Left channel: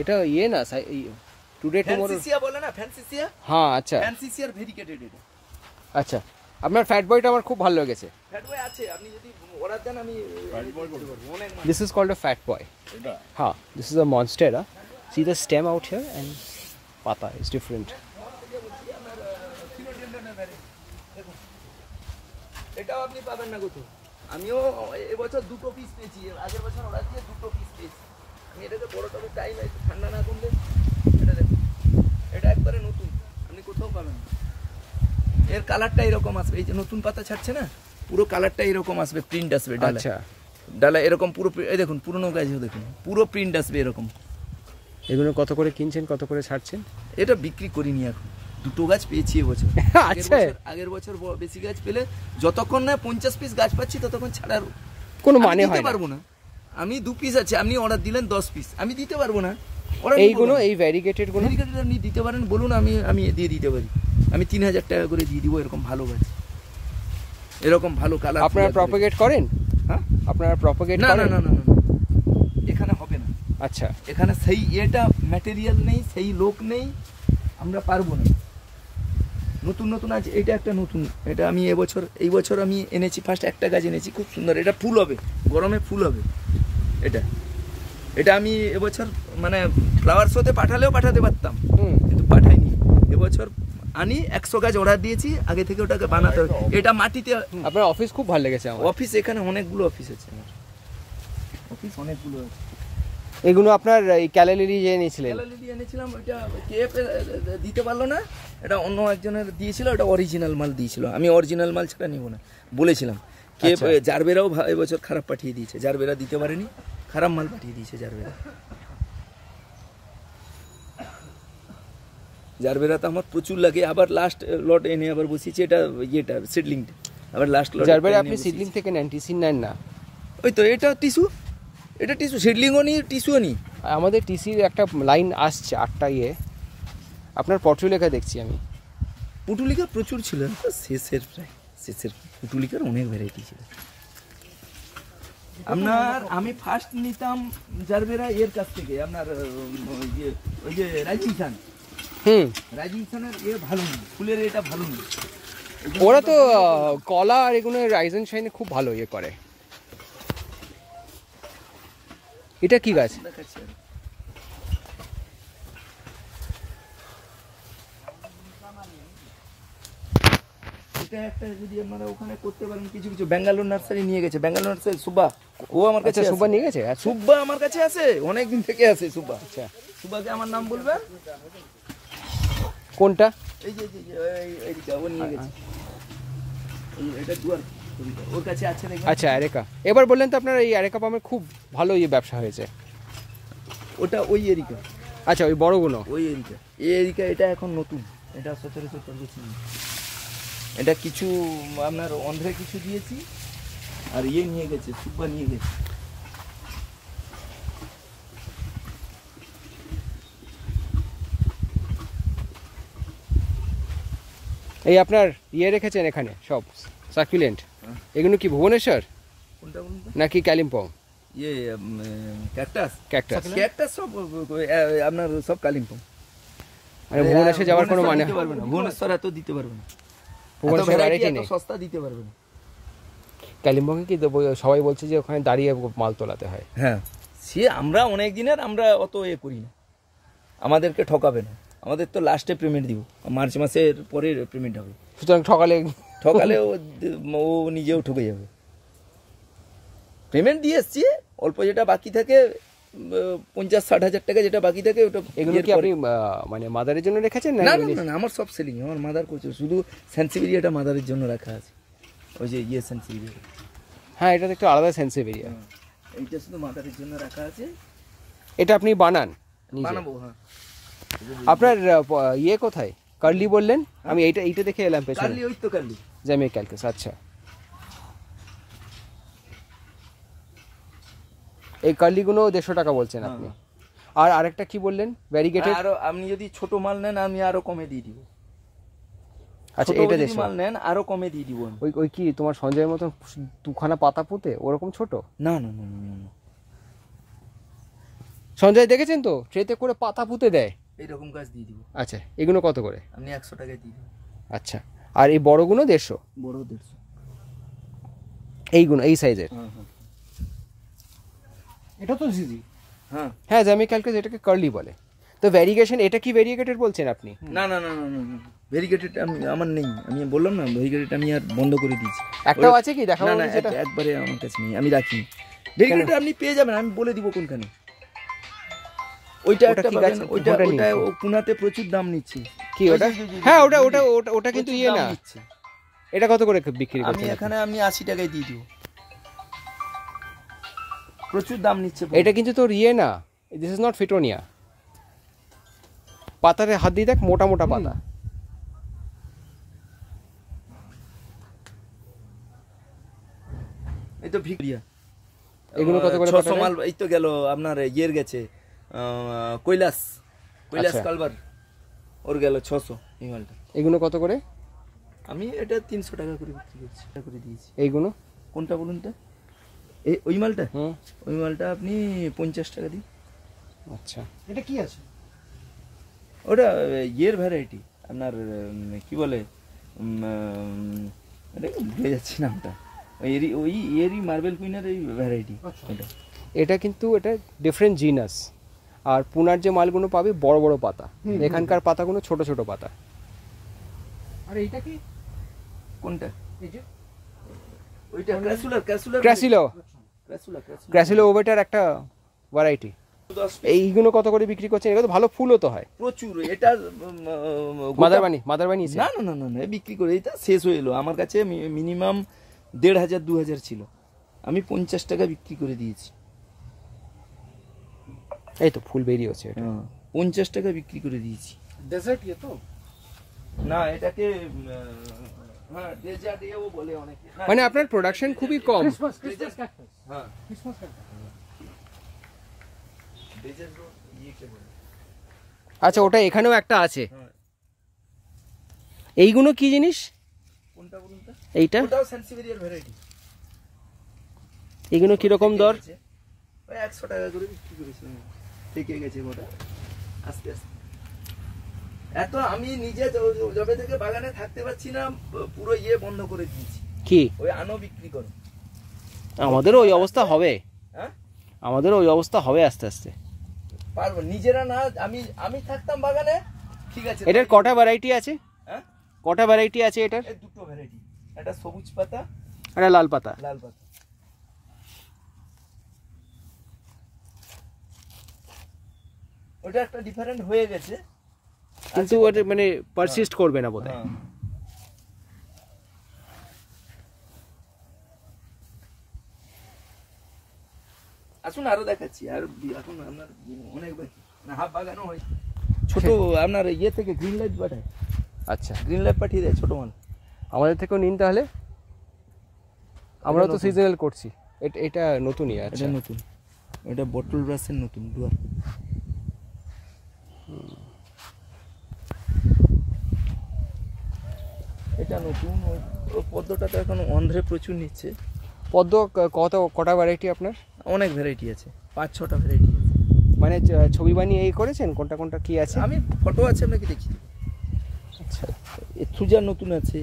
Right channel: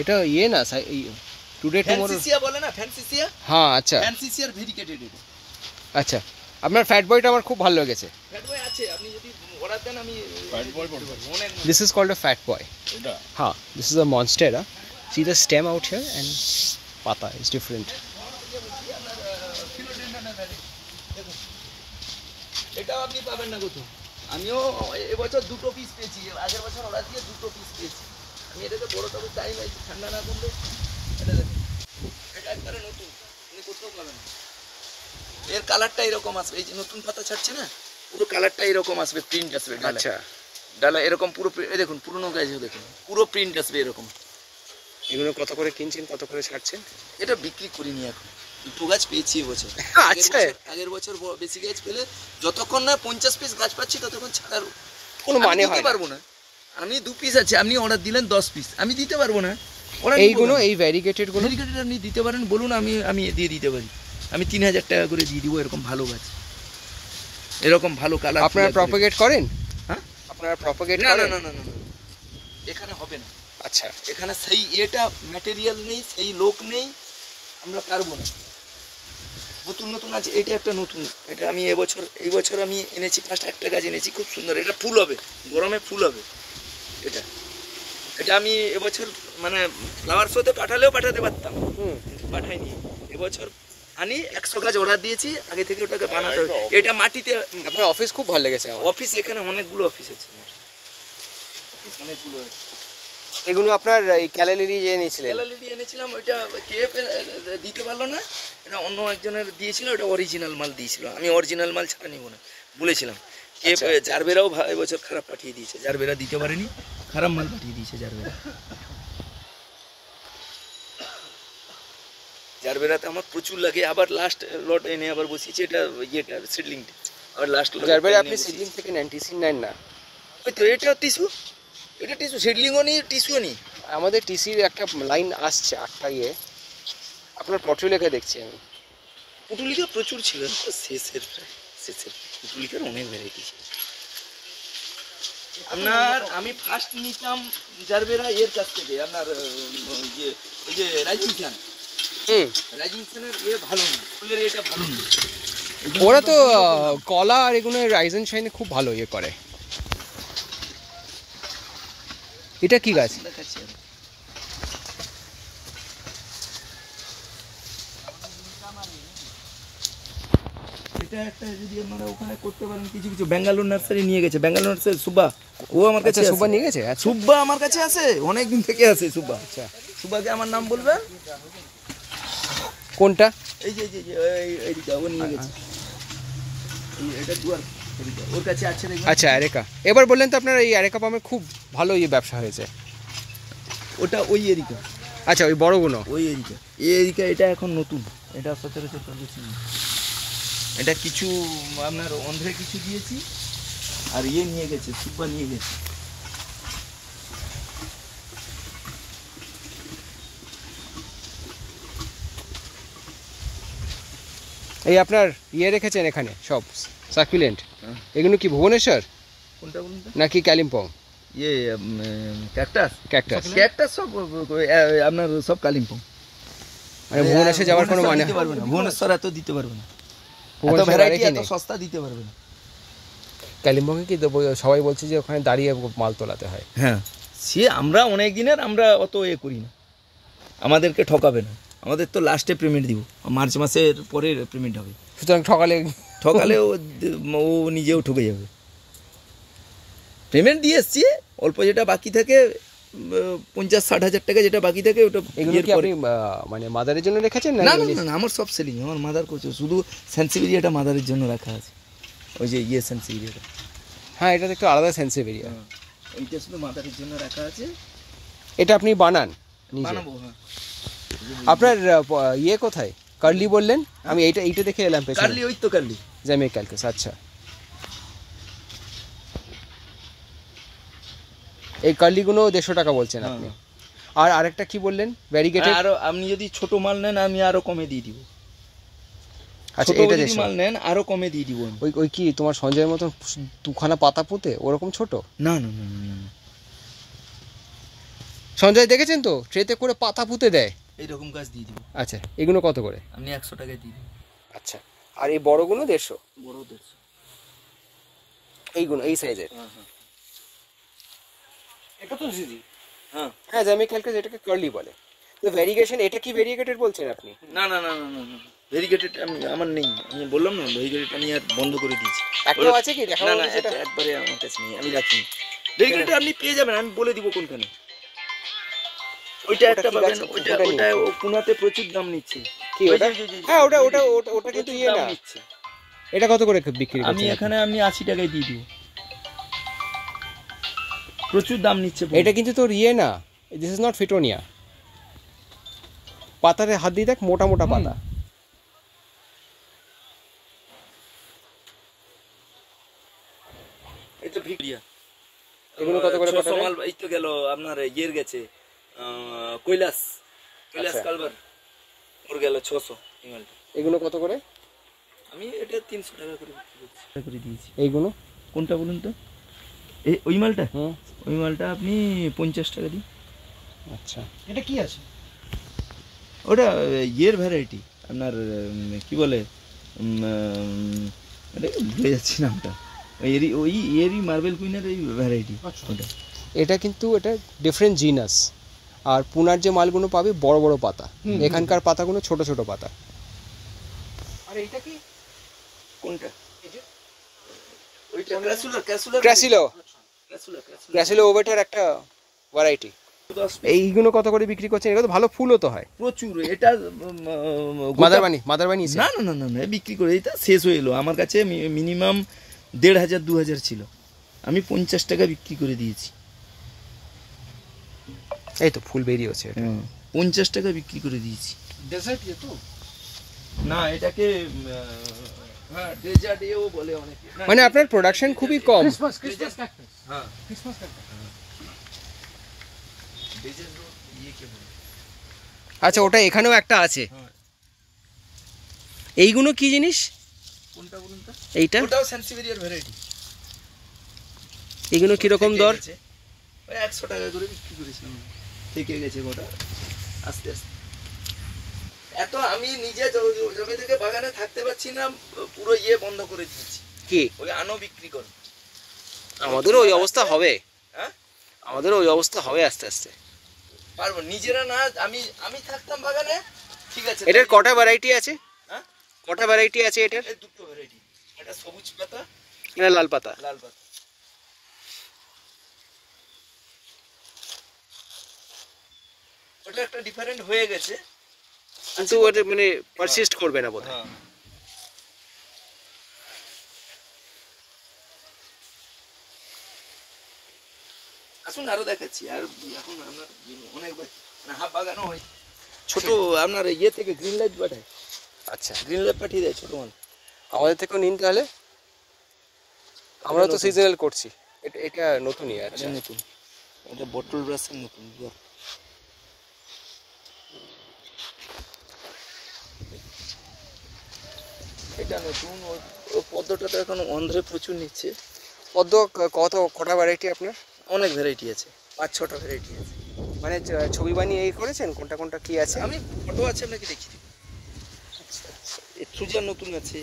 এটা ইয়ে না টুডে টুমরো ফ্যান্সিসিয়া বলে না, ফ্যান্সিসিয়া। হ্যাঁ আচ্ছা ফ্যান্সিসিয়ার ভেরিকেটেড এটা। আচ্ছা, আপনার ফ্যাট বয়টা আমার খুব ভালো লেগেছে। ফ্যাট বয় আছে, আপনি যদি অর্ডার দেন আমি ফ্যাট বয় বলবো। This is called a fat boy. এটা Ha, this is a monstera. See the stem out here and pata is different. এটাও আপনি পাবেন না কোথাও। আমিও এবছর দুটো পিস পেয়েছি, আগের বছর অর্ডার দিয়ে দুটো পিস পেয়েছি। আমি এটাতে বড় তবে টাইম আছে, ঠান্ডা না করলে এটা দেখুন, এটা একবারে নতুন, আপনি কোথাও পাবেন না। এর কালারটা এরকম আসবে, এই যে নতুন পাতা ছাড়ছে না, পুরো কালারটা এরকম আসবে, প্রিন্ট আসবে ডালা। আচ্ছা, ডালা এরকম পুরো, এই দেখুন পুরনো গাছও দেখুন পুরো প্রিন্ট আসবে এরকম। এগুলো কত করে কিনছেন, কত করে ছাড়ছেন? এটা বিক্রি করিনি এখন, দুটো গাছ পেয়েছি এবছর। আচ্ছা, আগের বছর বেশি গাছ পেলে যতক্ষণ না 50 পিস গাছ পাচ্ছি ততক্ষণ ছাড়ার কোনো মানে হয় না, পারবো না। আমি 2 পিস আছে, আপনি অর্ডার দিলেন 10 পিস, আমি দিতে পারবো না। এইগুলো এই ভ্যারিগেটেড গুলো আপনি দিতে পারেন, বলুন, আমি দিয়ে দিতে পারি। আমি 3000 টাকা করে দিয়ে দিব, এরকম ভালো গাছ, এরকম ভালো কালার। আপনারা প্রপাগেট করেন? হ্যাঁ, আপনারা প্রপাগেট না করেন? না না না, এখানে হবে না। আচ্ছা, এখানে সেই এটা ম্যাটেরিয়াল নেই, সেই লোক নেই, আমরা পারবো না। নতুন নতুন আছে, এটা একটা নতুন, এটা আমি এই বছর আমি এনেছি, ফার্স্ট একটা গাছ এনেছি, খুব সুন্দর, এটা ফুল হবে, গরমে ফুল হবে। এটা আমি এবছর মানে ফ্লাওয়ার শোতে পাঠালেও পাঠাতে পারতাম, কিন্তু পাঠাইনি। এবছর আনি 100 গাছ অর্ডার দিয়েছি, আগে থেকে ওটাকে বানাতে হবে। এটা মাটিতে। আপনার অফিস খুব ভালো লেগেছে আমার। অফিস এখানে অনেকগুলো অফিস আছে, অফিস অনেকগুলো আছে। এগুলো আপনার এই ক্যালালিরি যে এনেছিলেন? ক্যালালিরি এনেছিলাম, ওইটা কেএফ দিতে পারলো না, এটা অন্য একজনের দিয়েছিল, ওটা অরিজিনাল মাল দিয়েছিল। আমি অরিজিনাল মাল ছাড়া নিব না বলেছিলাম। কেএফ জারবেরাও এবছর খারাপ পাঠিয়ে দিয়েছে, জারবেরা দিতে পারেনি, খারাপ মাল পাঠিয়ে দিয়েছে জারবেরা। জারবেরা তো আমার প্রচুর লাগে, আবার লাস্ট লট এনে আবার বসিয়েছি, এটা ইয়েটা সিডলিংটা, আবার লাস্ট লট। জারবেরা আপনি সিডলিং থেকে নেন, টিসি নেন না? ওই তো এটা টিস্যু, এটা টিস্যু, সিডলিংও নিই টিস্যুও নিই। আমাদের টিসির একটা লাইন আসছে 8টা ইয়ে, আপনার পটুলিকা দেখছি আমি। পুটুলিকা প্রচুর ছিল, শেষের পুটুলিকার অনেক ভ্যারাইটি ছিল আপনার। আমি ফার্স্ট নিতাম জারবেরা এর কাছ থেকে, আপনার ওই যে রাইজিং সান। রাইজিং সানের ভালো না, ফুলের এটা ভালো না। ওরা তো কলা আর এগুলো রাইজেন শাইনে খুব ভালো ইয়ে করে। এটা কি গাছ? এটা একটা যদি আপনারা ওখানে করতে পারেন, কিছু কিছু ব্যাঙ্গালোর নার্সারি নিয়ে গেছে, ব্যাঙ্গালোর নার্সারি সুব্বা, ও আমার কাছে সুব্বা নিয়ে গেছে। সুব্বা আমার কাছে আছে, অনেকদিন থেকে আছে সুব্বা। আচ্ছা, সুব্বাকে আমার নাম বলবেন। কোনটা? এই যে এইটা ও নিয়ে গেছে, এটা দুয়ার ওর কাছে আছে দেখবেন। আচ্ছা, আরেকা। এবার বললেন তো আপনার এই আরেকা পামের খুব ভালো ইয়ে ব্যবসা হয়েছে। ওটা ওই এরিকা। আচ্ছা, ওই বড়গুলো ওই এরিকা, এই এরিকা, এটা এখন নতুন, এটা সচরাচর করছি। এটা কিছু আপনার অন্ধ্রে কিছু দিয়েছি, আর ইয়ে নিয়ে গেছে, সুব্বা নিয়ে গেছে। এই আপনার ইয়ে রেখেছেন এখানে সব সার্কুলেন্ট, এগুলো কি ভুবনেশ্বর কোনটা বলুন নাকি কালিম্পং? ইয়ে ক্যাকটাস, ক্যাকটাস সব আপনার সব কালিম্পং। মানে ভুবনেশ্বর যাওয়ার কোনো মানে হয় না, ভুবনেশ্বর এত দিতে পারবে না, ভুবনেশ্বর আর কি নেই, সস্তা দিতে পারবে না। কালিম্পংয়ে কি সবাই বলছে যে ওখানে দাঁড়িয়ে মাল তোলাতে হয়। হ্যাঁ, সে আমরা অনেক দিনের, আমরা অত করি না, আমাদেরকে ঠকাবে না। আমাদের তো লাস্টে পেমেন্ট দিব, মার্চ মাসের পরে পেমেন্ট হবে। সুতরাং ঠকালে ও নিজেও ঠকে যাবে। পেমেন্ট দিয়ে এসছি, অল্প যেটা বাকি থাকে 50-60 হাজার টাকা যেটা বাকি থাকে ওটা। এগুলো কি আপনি মানে মাদারের জন্য রেখেছেন? না না, আমার সব সেলিং, আমার মাদার করছে, শুধু সেন্সিভিরিয়াটা মাদারের জন্য রাখা আছে, ওই যে সেন্সিভিরিয়াটা। হ্যাঁ, এটা তো একটু আলাদা সেন্সিভিরিয়া, ওইটা শুধু মাদারের জন্য রাখা আছে। এটা আপনি বানান নিজে? হ্যাঁ। আপনার ইয়ে কোথায়, কার্লি বললেন? আমি এইটা দেখে এলাম পেছনে। কার্লি, ওই তো কার্লি, জ্যামিক ক্যালকাস। আচ্ছা, এই কার্লিগুলো 150 টাকা বলছেন আপনি। আর আরেকটা কি বললেন? ভ্যারিগেটেড। আরো আপনি যদি ছোট মাল নেন আমি আরো কমে দিয়ে দিব। আচ্ছা, এটা যদি মাল নেন আরো কমে দিয়ে দিব। ওই কি তোমার সঞ্জয়ের মতন 2খানা পাতা পুঁতে ওরকম ছোট? না, সঞ্জয় দেখেছেন তো ট্রেতে করে পাতা পুঁতে দেয়। এইরকম গাছ দিয়ে দিব। আচ্ছা এগুলো কত করে? আপনি 100 টাকায় দিয়ে দিন। আচ্ছা আর এই বড়গুলো 150? বড় 150। এইগুলো এই সাইজের? হ্যাঁ হ্যাঁ এটা তো জিজি। হ্যাঁ। হ্যাঁ জামি ক্যালকাস এটাকে কার্লি বলে। তো ভ্যারিগেশন এটা কি ভ্যারিগেটেড বলছেন আপনি? না না না না না ভেরিগেটেড আমি আমার নেই, আমি বললাম না ভেরিগেটেড আমি আর বন্ধ করে দিয়েছি। একটাও আছে কি দেখাবো? না না একবারে আমার কাছে নেই, আমি রাখিনি। ভেরিগেটেড আপনি পেয়ে যাবেন, আমি বলে দিব কোনখানে। ওইটা একটা পাবেন, ওইটা ওইটা পুনাতে প্রচুর দাম নিচ্ছে। কি ওটা? হ্যাঁ ওটা ওটা ওটা কিন্তু ইয়ে না। এটা কত করে বিক্রি করছেন? আমি এখানে আপনি 80 টাকায় দিয়ে দিব। প্রচুর দাম নিচ্ছে। এটা কিন্তু তোর ইয়ে না, দিস ইজ নট ফিটোনিয়া। পাতারে হাত দিয়ে দেখ, মোটা মোটা পাতা। এই তো ভিক্টোরিয়া। এগুলো কত করে পাতা? মাল এই তো গেল আপনার ইয়ের গেছে কৈলাস কালবার, ওর গেল 600 এই মালটা। এগুলো কত করে? আমি এটা 300 টাকা করে বিক্রি করছি, করে দিয়েছি। এইগুলো কোনটা বলুন তো? এই ওই মালটা? হুম ওই মালটা আপনি 50 টাকা দিন। আচ্ছা এটা কি আছে? ওটা ইয়ের ভ্যারাইটি আপনার কি বলে এটা ভুলে যাচ্ছি নামটা। ওই এরই মার্বেল কুইনের এই ভ্যারাইটি। ওটা এটা কিন্তু এটা ডিফারেন্ট জিনাস। আর পুনার যে মালগুলো পাবি বড় বড় পাতা, এখানকার পাতাগুলো ছোট ছোট পাতা। আর এইটা কি? কোনটা? এই যে ওইটা ক্র্যাসিলো। ক্র্যাসিলো ওভেটার একটা ভ্যারাইটি। এইগুলো কত করে বিক্রি করছেন? এগুলো তো ভালো ফুলও তো হয় প্রচুর। এটা মাদারবানি না না না না বিক্রি করে এটা শেষ হয়ে এলো। আমার কাছে মিনিমাম 1500-2000 ছিল, আমি 50 টাকা বিক্রি করে দিয়েছি। এই তো ফুল বেরিয়েছে এটা। 50 টাকা বিক্রি করে দিয়েছি। ডেজার্ট ইয়ে তো না এটাকে হ্যাঁ ডেজার্ট এও বলে অনেকে। মানে আপনার প্রোডাকশন খুবই কম। Christmas cactus. হ্যাঁ ক্রিসমাস ক্যাকটাস। ডেজার্ট ইয়ে কে বলে? আচ্ছা ওটা এখানেও একটা আছে। এইগুলো কি জিনিস? কোনটা বলুন তো? এইটা ওটাও সেন্সিভেরিয়ার ভ্যারাইটি। এগুলো কিরকম দর? ওই 100 টাকা করে বিক্রি করেছিলাম, থেকে গেছে গোটা আস্তে আস্তে। এত আমি নিজে জবে থেকে বাগানে থাকতে পারছি না, পুরো ইয়ে বন্ধ করে দিয়েছি। কি ওই আনো বিক্রি করো। আমাদেরও ওই অবস্থা হবে। হ্যাঁ আমাদেরও ওই অবস্থা হবে আস্তে আস্তে। পারবো নিজেরা না। আমি থাকতাম বাগানে, ঠিক আছে। এটার কটা ভ্যারাইটি আছে? হ্যাঁ কটা ভ্যারাইটি আছে এটার? এই দুটো ভ্যারাইটি, একটা সবুজ পাতা, এটা লাল পাতা। লাল পাতা। ওটা একটা ডিফারেন্ট হয়ে গেছে, কিন্তু ওটা মানে পারসিস্ট করবে না বোধহয়। হ্যাঁ। আসুন আরো দেখাচ্ছি। আর এখন আপনার অনেক হাফ বাগানও হয়। ছোট আপনার ইয়ে থেকে গ্রিন লাইট পাঠায়। আচ্ছা গ্রিন লাইট পাঠিয়ে দেয় ছোট মাল। আমাদের থেকেও নিন তাহলে, আমরা তো সিজনাল করছি। এটা নতুনই আছে। এটা নতুন, এটা বটল ব্রাশের নতুন দুয়ার। এটা নতুন। ওই পদ্মটা তো এখন অন্ধ্রে প্রচুর নিচ্ছে। পদ্ম কটা ভ্যারাইটি আপনার? অনেক ভ্যারাইটি আছে, 5-6টা ভ্যারাইটি আছে। মানে ছবি বানিয়ে এই করেছেন কোনটা কোনটা কি আছে? আমি ফটো আছে নাকি দেখি। আচ্ছা থ্রুজার নতুন আছে।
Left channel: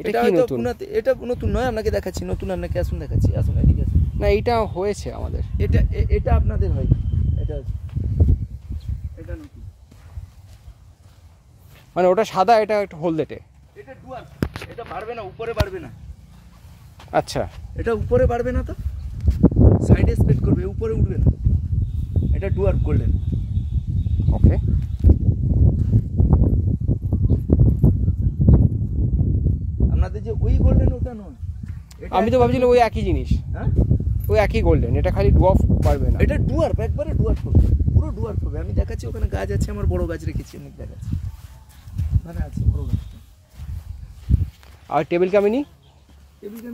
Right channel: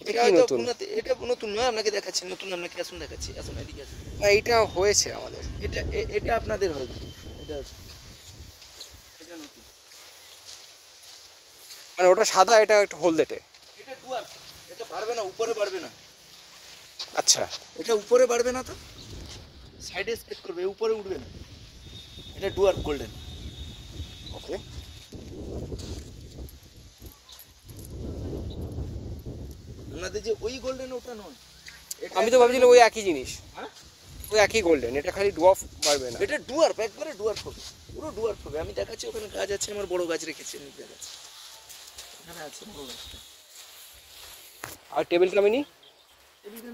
এটা কি নতুন? এটা নতুন নয়, আপনাকে দেখাচ্ছি নতুন। আপনাকে আসুন দেখাচ্ছি, আসুন এদিকে আসুন। না এইটা হয়েছে আমাদের। এটা আপনাদের হয়। এটা নতুন। মানে ওটা সাদা, এটা একটু হলদেটে। এটা ডুয়ার, এটা বাড়বে না, উপরে বাড়বে না। আচ্ছা এটা উপরে বাড়বে না, তো সাইডে স্প্রেড করবে, উপরে উঠবে না। এটা ডুয়ার গোল্ডেন। ওকে আপনাদের যে ওই গোল্ডেন ওটা নয়। আমি তো ভাবছিলাম ওই একই জিনিস। হ্যাঁ ওই একই গোল্ডেন, এটা খালি ডুয়ার্ফ পারবে না। এটা ডুয়ার্ফ, একবারে ডুয়ার্ফ হবে, পুরো ডুয়ার্ফ হবে। আমি দেখাচ্ছি, ওখানে গাছ আছে, আমার বড় গাছ রেখেছি, আমি দেখাচ্ছি। ওখানে আছে বড় গাছটা। আর টেবিল কামিনি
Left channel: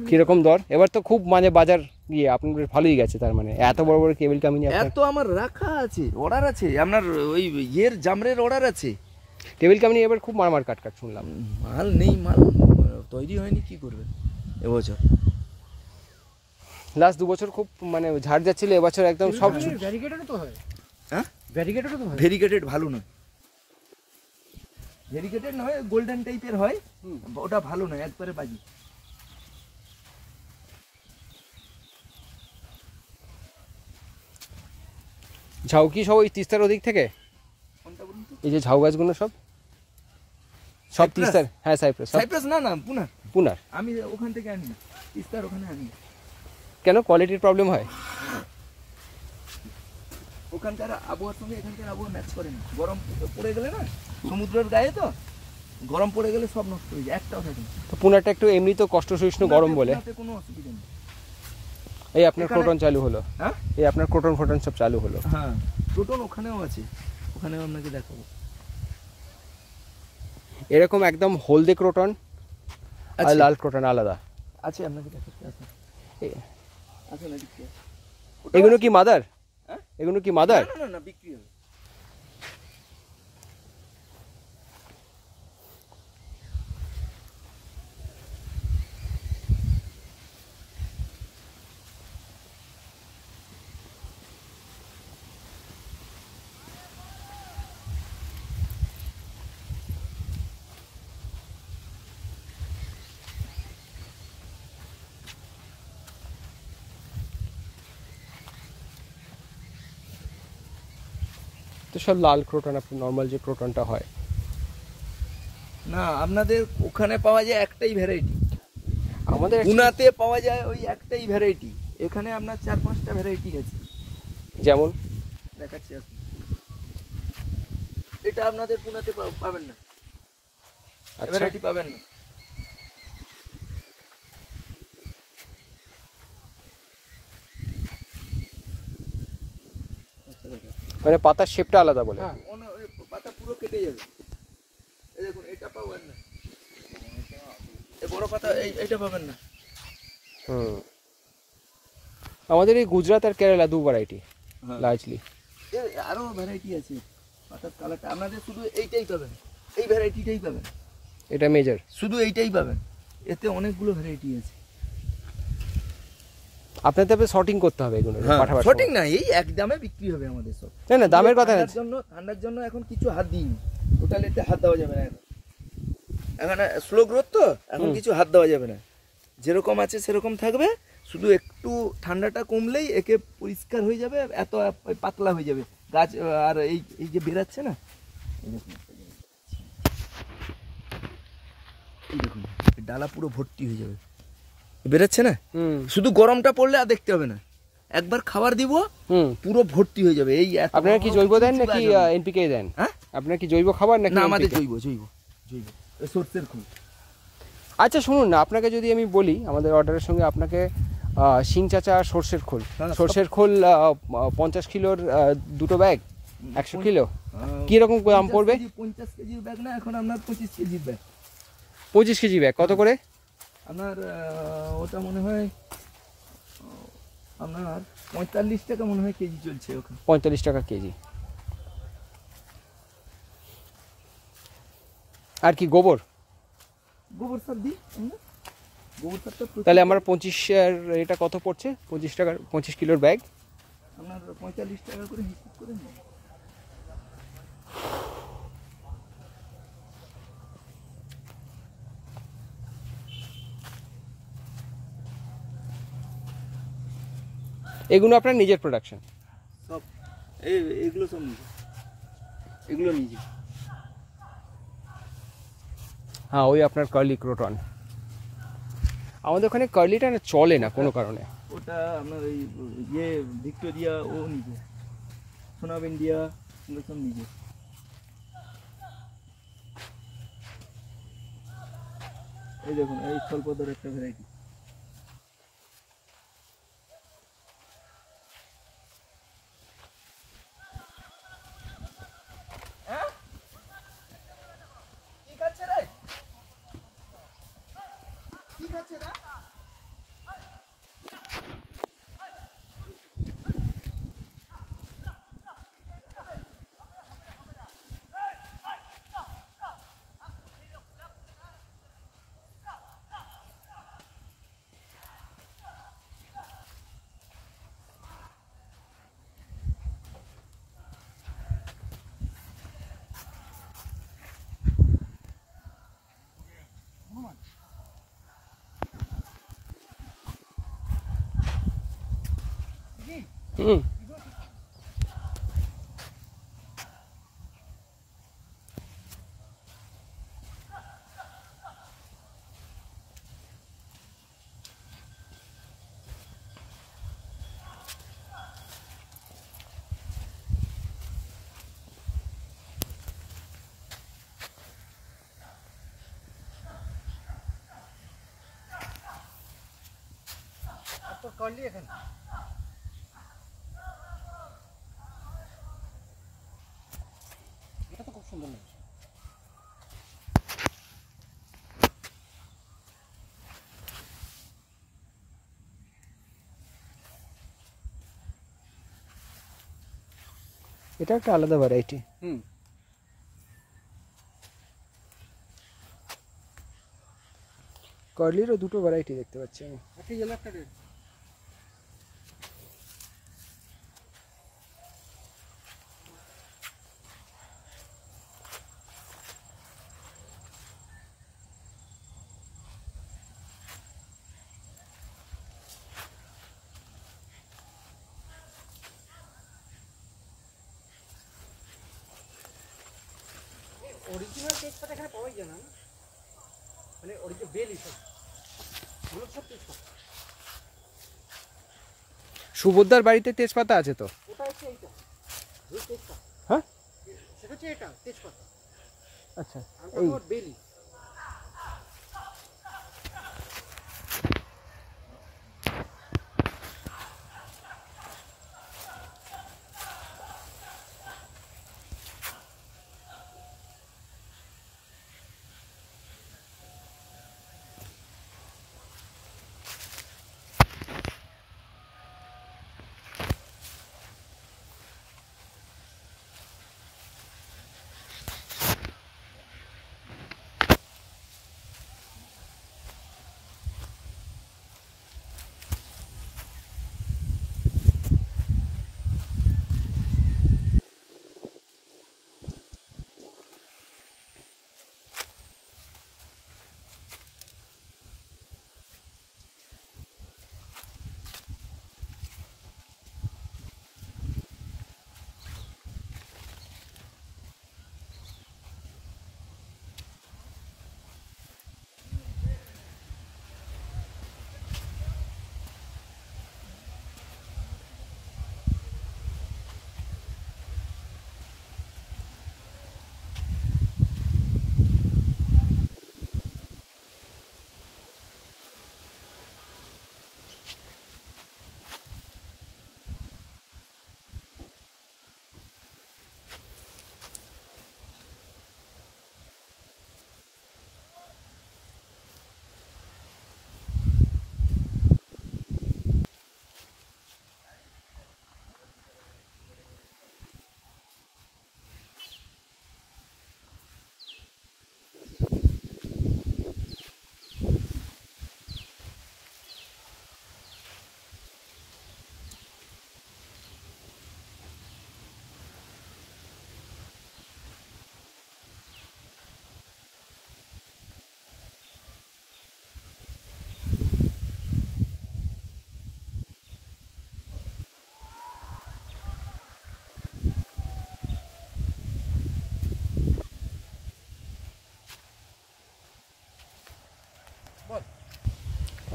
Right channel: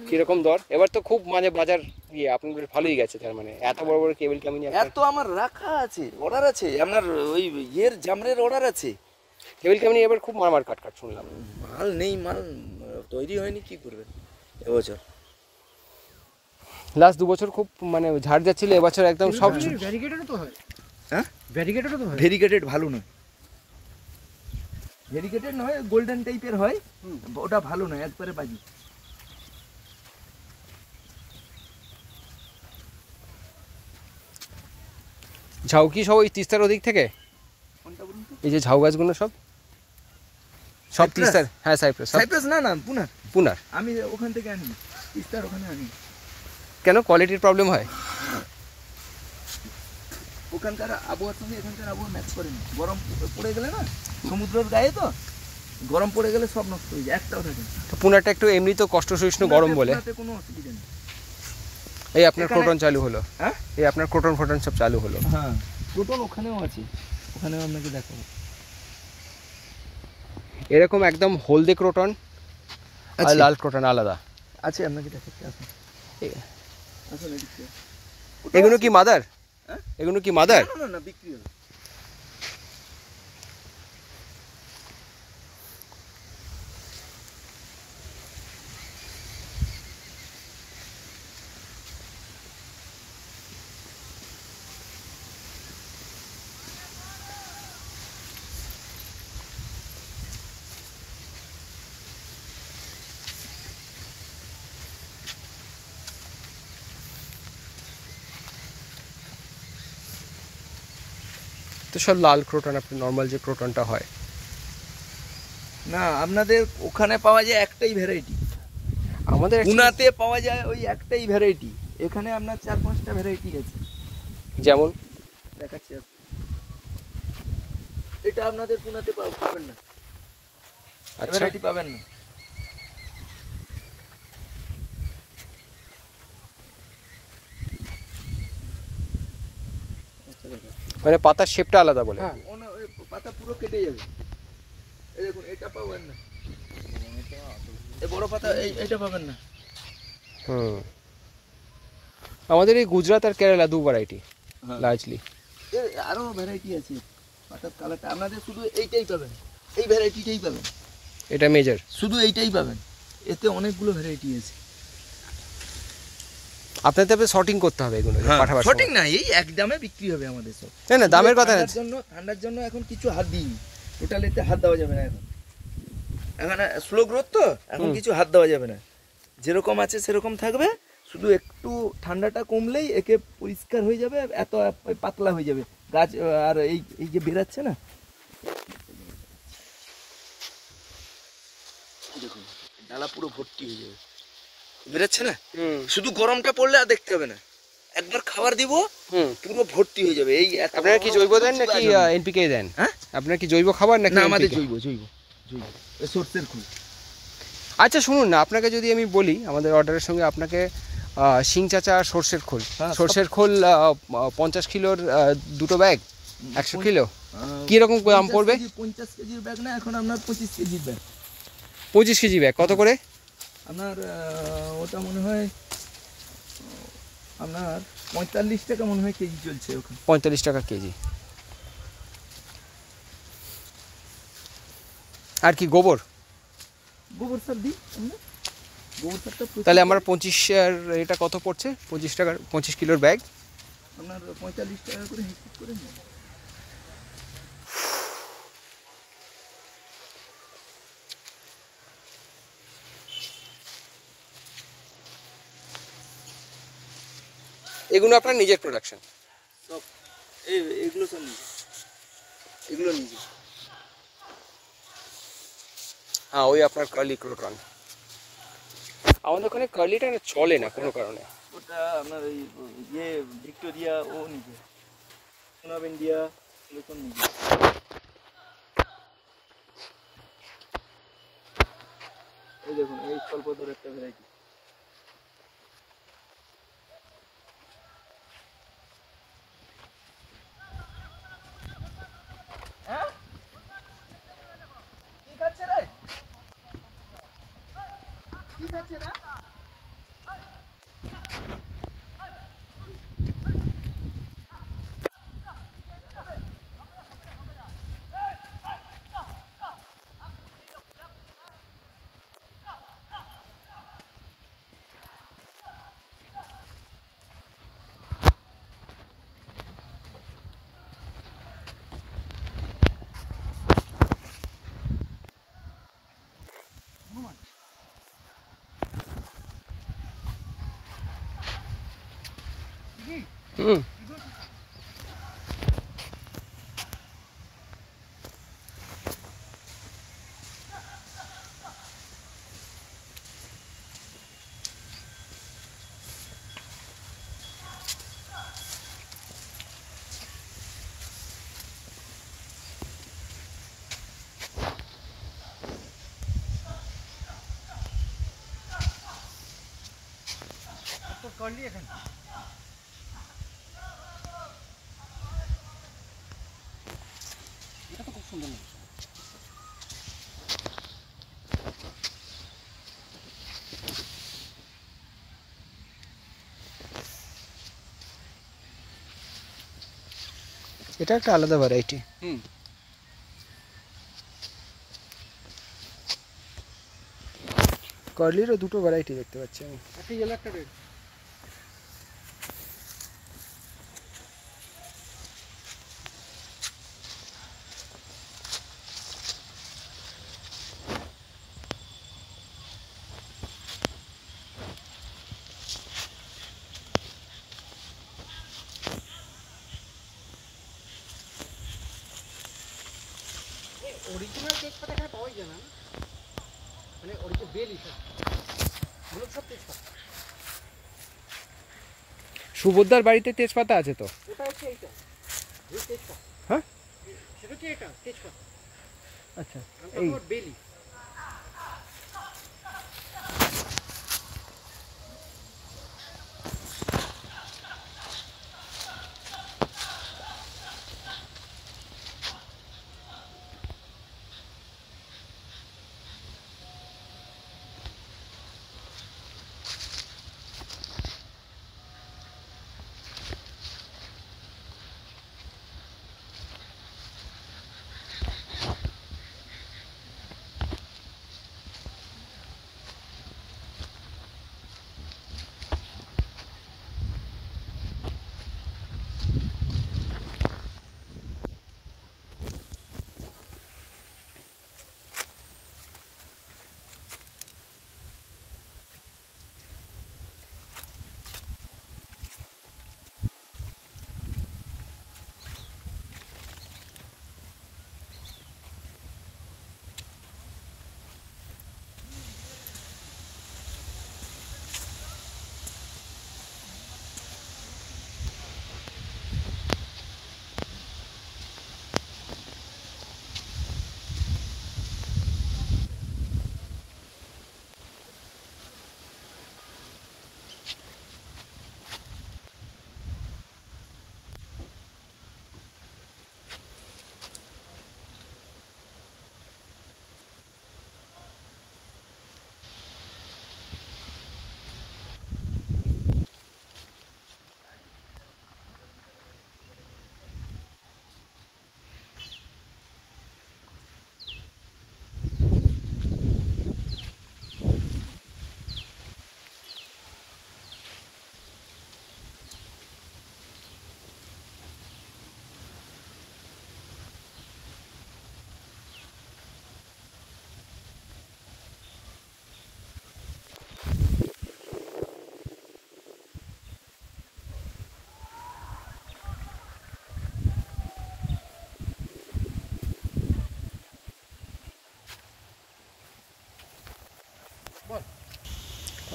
কিরকম দর? এবার তো খুব মানে বাজার ইয়ে আপনাদের ভালোই গেছে। তার মানে এত বড় বড় টেবিল কামিনি এত আমার রাখা আছে, অর্ডার আছে। আপনার ওই ইয়ের জামরের অর্ডার আছে। টেবিল কামিনি এবার খুব মারমার কাট শুনলাম। মাল নেই, মাল তৈরি হয়নি, কি করবেন এবছর? লাস্ট 2 বছর খুব মানে ঝাড় যাচ্ছিল, এবছর একদম সব ভ্যারিগেটেডও তো হয়। হ্যাঁ ভ্যারিগেটেডও তো হয়। ভেরিগেটেড ভালো নয়, ভেরিগেটেড নয়, গোল্ডেন টাইপের হয়, ওটা ভালো নয়, একবারে বাজি। ঝাউ কি সব ওই তিস্তার ওদিক থেকে? কোনটা বলুন তো? এই যে ঝাউ গাছগুলো সব সব সাইপ্রাস? তিস্তার? হ্যাঁ সাইপ্রাস, সব সাইপ্রাস না, পুনা। পুনার। আমি ওখান থেকে আনি, তিস্তার ওখানে আনি। কেন, কোয়ালিটির প্রবলেম হয়? ওখানকার আবহাওয়ার সঙ্গে এখানকার আবহাওয়া ম্যাচ করে না। গরম পড়ে গেলে না, সমুদ্রের গায়ে তো গরম পড়ে গেলে সব নষ্ট হয়ে যায়, একটাও থাকে না। তো পুনারটা একটু এমনি তো কষ্ট সহিষ্ণু গরম বলে। পুনাতে কোনো অসুবিধা নেই। এই আপনার এখানে- ক্রোটন চালু হলো, হ্যাঁ এই আপনার ক্রোটন ফোটন সব চালু হলো। হ্যাঁ, টোটাল ওখানেও আছে, ওখানেও আপনাকে দেখাবো। এরকম একদম হলদে ক্রোটন আর আছে। লাল ক্রোটন আলাদা। আছে, আপনাকে দেখাচ্ছি, আসুন এ- আসুন এদিকে। এগুলো কি মাদার? হ্যাঁ? এগুলো কি মাদার? না বিক্রি হবে। তো সব লাল ক্রোটন, আপনি নর্মাল যে ক্রোটনটা হয়। না, আপনাদের ওখানে পাওয়া যায় একটাই ভ্যারাইটি, আমাদের পুনাতে পাওয়া যায় ওই একটাই ভ্যারাইটি, এখানে আপনার 4-5টা ভ্যারাইটি আছে। যেমন দেখাচ্ছি আসুন। এটা আপনাদের পুনাতে পাবেন না, আচ্ছা, ভ্যারাইটি পাবেন না। মানে পাতার শেপটা আলাদা বলে। হ্যাঁ। ওই পাতা পুরো কেটে যাবে। এই দেখুন, এটা পাবেন না, এই বড় পাতা এইটা পাবেন না। হুম, আমাদের এই গুজরাট আর কেরালা 2 ভ্যারাইটি হ্যাঁ। লার্জলি। এর আরো ভ্যারাইটি আছে, পাতার কালারটা আপনাদের শুধু এইটাই পাবেন, এই ভ্যারাইটিটাই পাবেন, এটা মেজর। শুধু এইটাই পাবেন, এতে অনেকগুলো ভ্যারাইটি আছে। আপনাদের শর্টিং করতে হবে এগুলো পাঠাবার সময়। সঠিক না, এই এক দামে বিক্রি হবে আমাদের সব। না না, দামের কথা না। ঠান্ডার জন্য এখন কিছু হাত দিইনি, টোটাল এতে হাত দেওয়া যাবে না এখন, এখানে স্লো গ্রোথ তো, এখন কিছু হাত দেওয়া যাবে না, যেরকম আছে সেরকম থাকবে, শুধু একটু ঠান্ডাটা কমলেই একে পরিষ্কার হয়ে যাবে, এত পাতলা হয়ে যাবে গাছ। আর এই এই যে বেরাচ্ছে না, এই দেখুন ডালা পুরো ভর্তি হয়ে যাবে, বেরাচ্ছে না, হুম শুধু গরমটা পড়লে আর দেখতে হবে না, একবার খাবার দিব হুম। পুরো ভর্তি হয়ে যাবে। এই আপনারা কি জৈব দেন নাকি এনপিকে দেন? হ্যাঁ? আপনারা কি জৈব খাবার নাকি না, আমাদের NPK? জৈব জৈব জৈব, এই সর্ষের খোল। আচ্ছা শুনুন না, আপনাকে যদি আমি বলি আমাদের অর্ডারের সঙ্গে আপনাকে শিং চাচা আর সর্ষের খোল, হ্যাঁ, সব- সর্ষের খোল 50 কিলোর 2টো ব্যাগ 100 কিলো কি রকম দাম পড়বে? 50 কেজির ব্যাগ না, এখন আপনার 25 কেজির ব্যাগ, 25 কেজি ব্যাগ কত করে? আপনার ওটা মনে হয় আপনার 45 টাকা মনে হয় কেজি চলছে ওখানে। 45 টাকা কেজি। আর কি গোবর? গোবর সার দিই আমরা, গোবর সারটা প্রচুর তাহলে আমার দিই। 25 আর এটা কত পড়ছে? 25 টাকার 25 কিলোর ব্যাগ। আপনার 45 টাকা করে হিসাব করে নেন। এগুলো আপনার নিজের প্রোডাকশন? সব এগুলো সব নিজে, এগুলো নিজে। হ্যাঁ, ওই আপনার কার্লি ক্রোটন। আমাদের ওখানে কার্লিটা না চলে না কোনো কারণে। ওটা আপনার এই ইয়ে ভিক্টোরিয়া ও নিজে, সোনাব ইন্ডিয়া এগুলো সব নিজে। এই দেখুন, এই স্বল্পদর একটা ভ্যারাইটি, হুম। আর তোর কার্লি এখানে এটা তো খুব সুন্দর লাগছে। এটা একটা আলাদা ভ্যারাইটি। হুম। কার্লিরও দুটো ভ্যারাইটি দেখতে পাচ্ছি আমি। একটা ইয়েলো একটা রেড। অরিজিনাল তেজপাতা এখানে পাওয়াই যায় না, মানে অরিজিনাল বেলি সব ওগুলো সব তেজপাতা। সুভদ্রার বাড়িতে তেজপাতা আছে তো। এটা হচ্ছে এইটা এই তেজপাতা। হ্যাঁ সেটা হচ্ছে এটা তেজপাতা, আচ্ছা এই এই বেলি।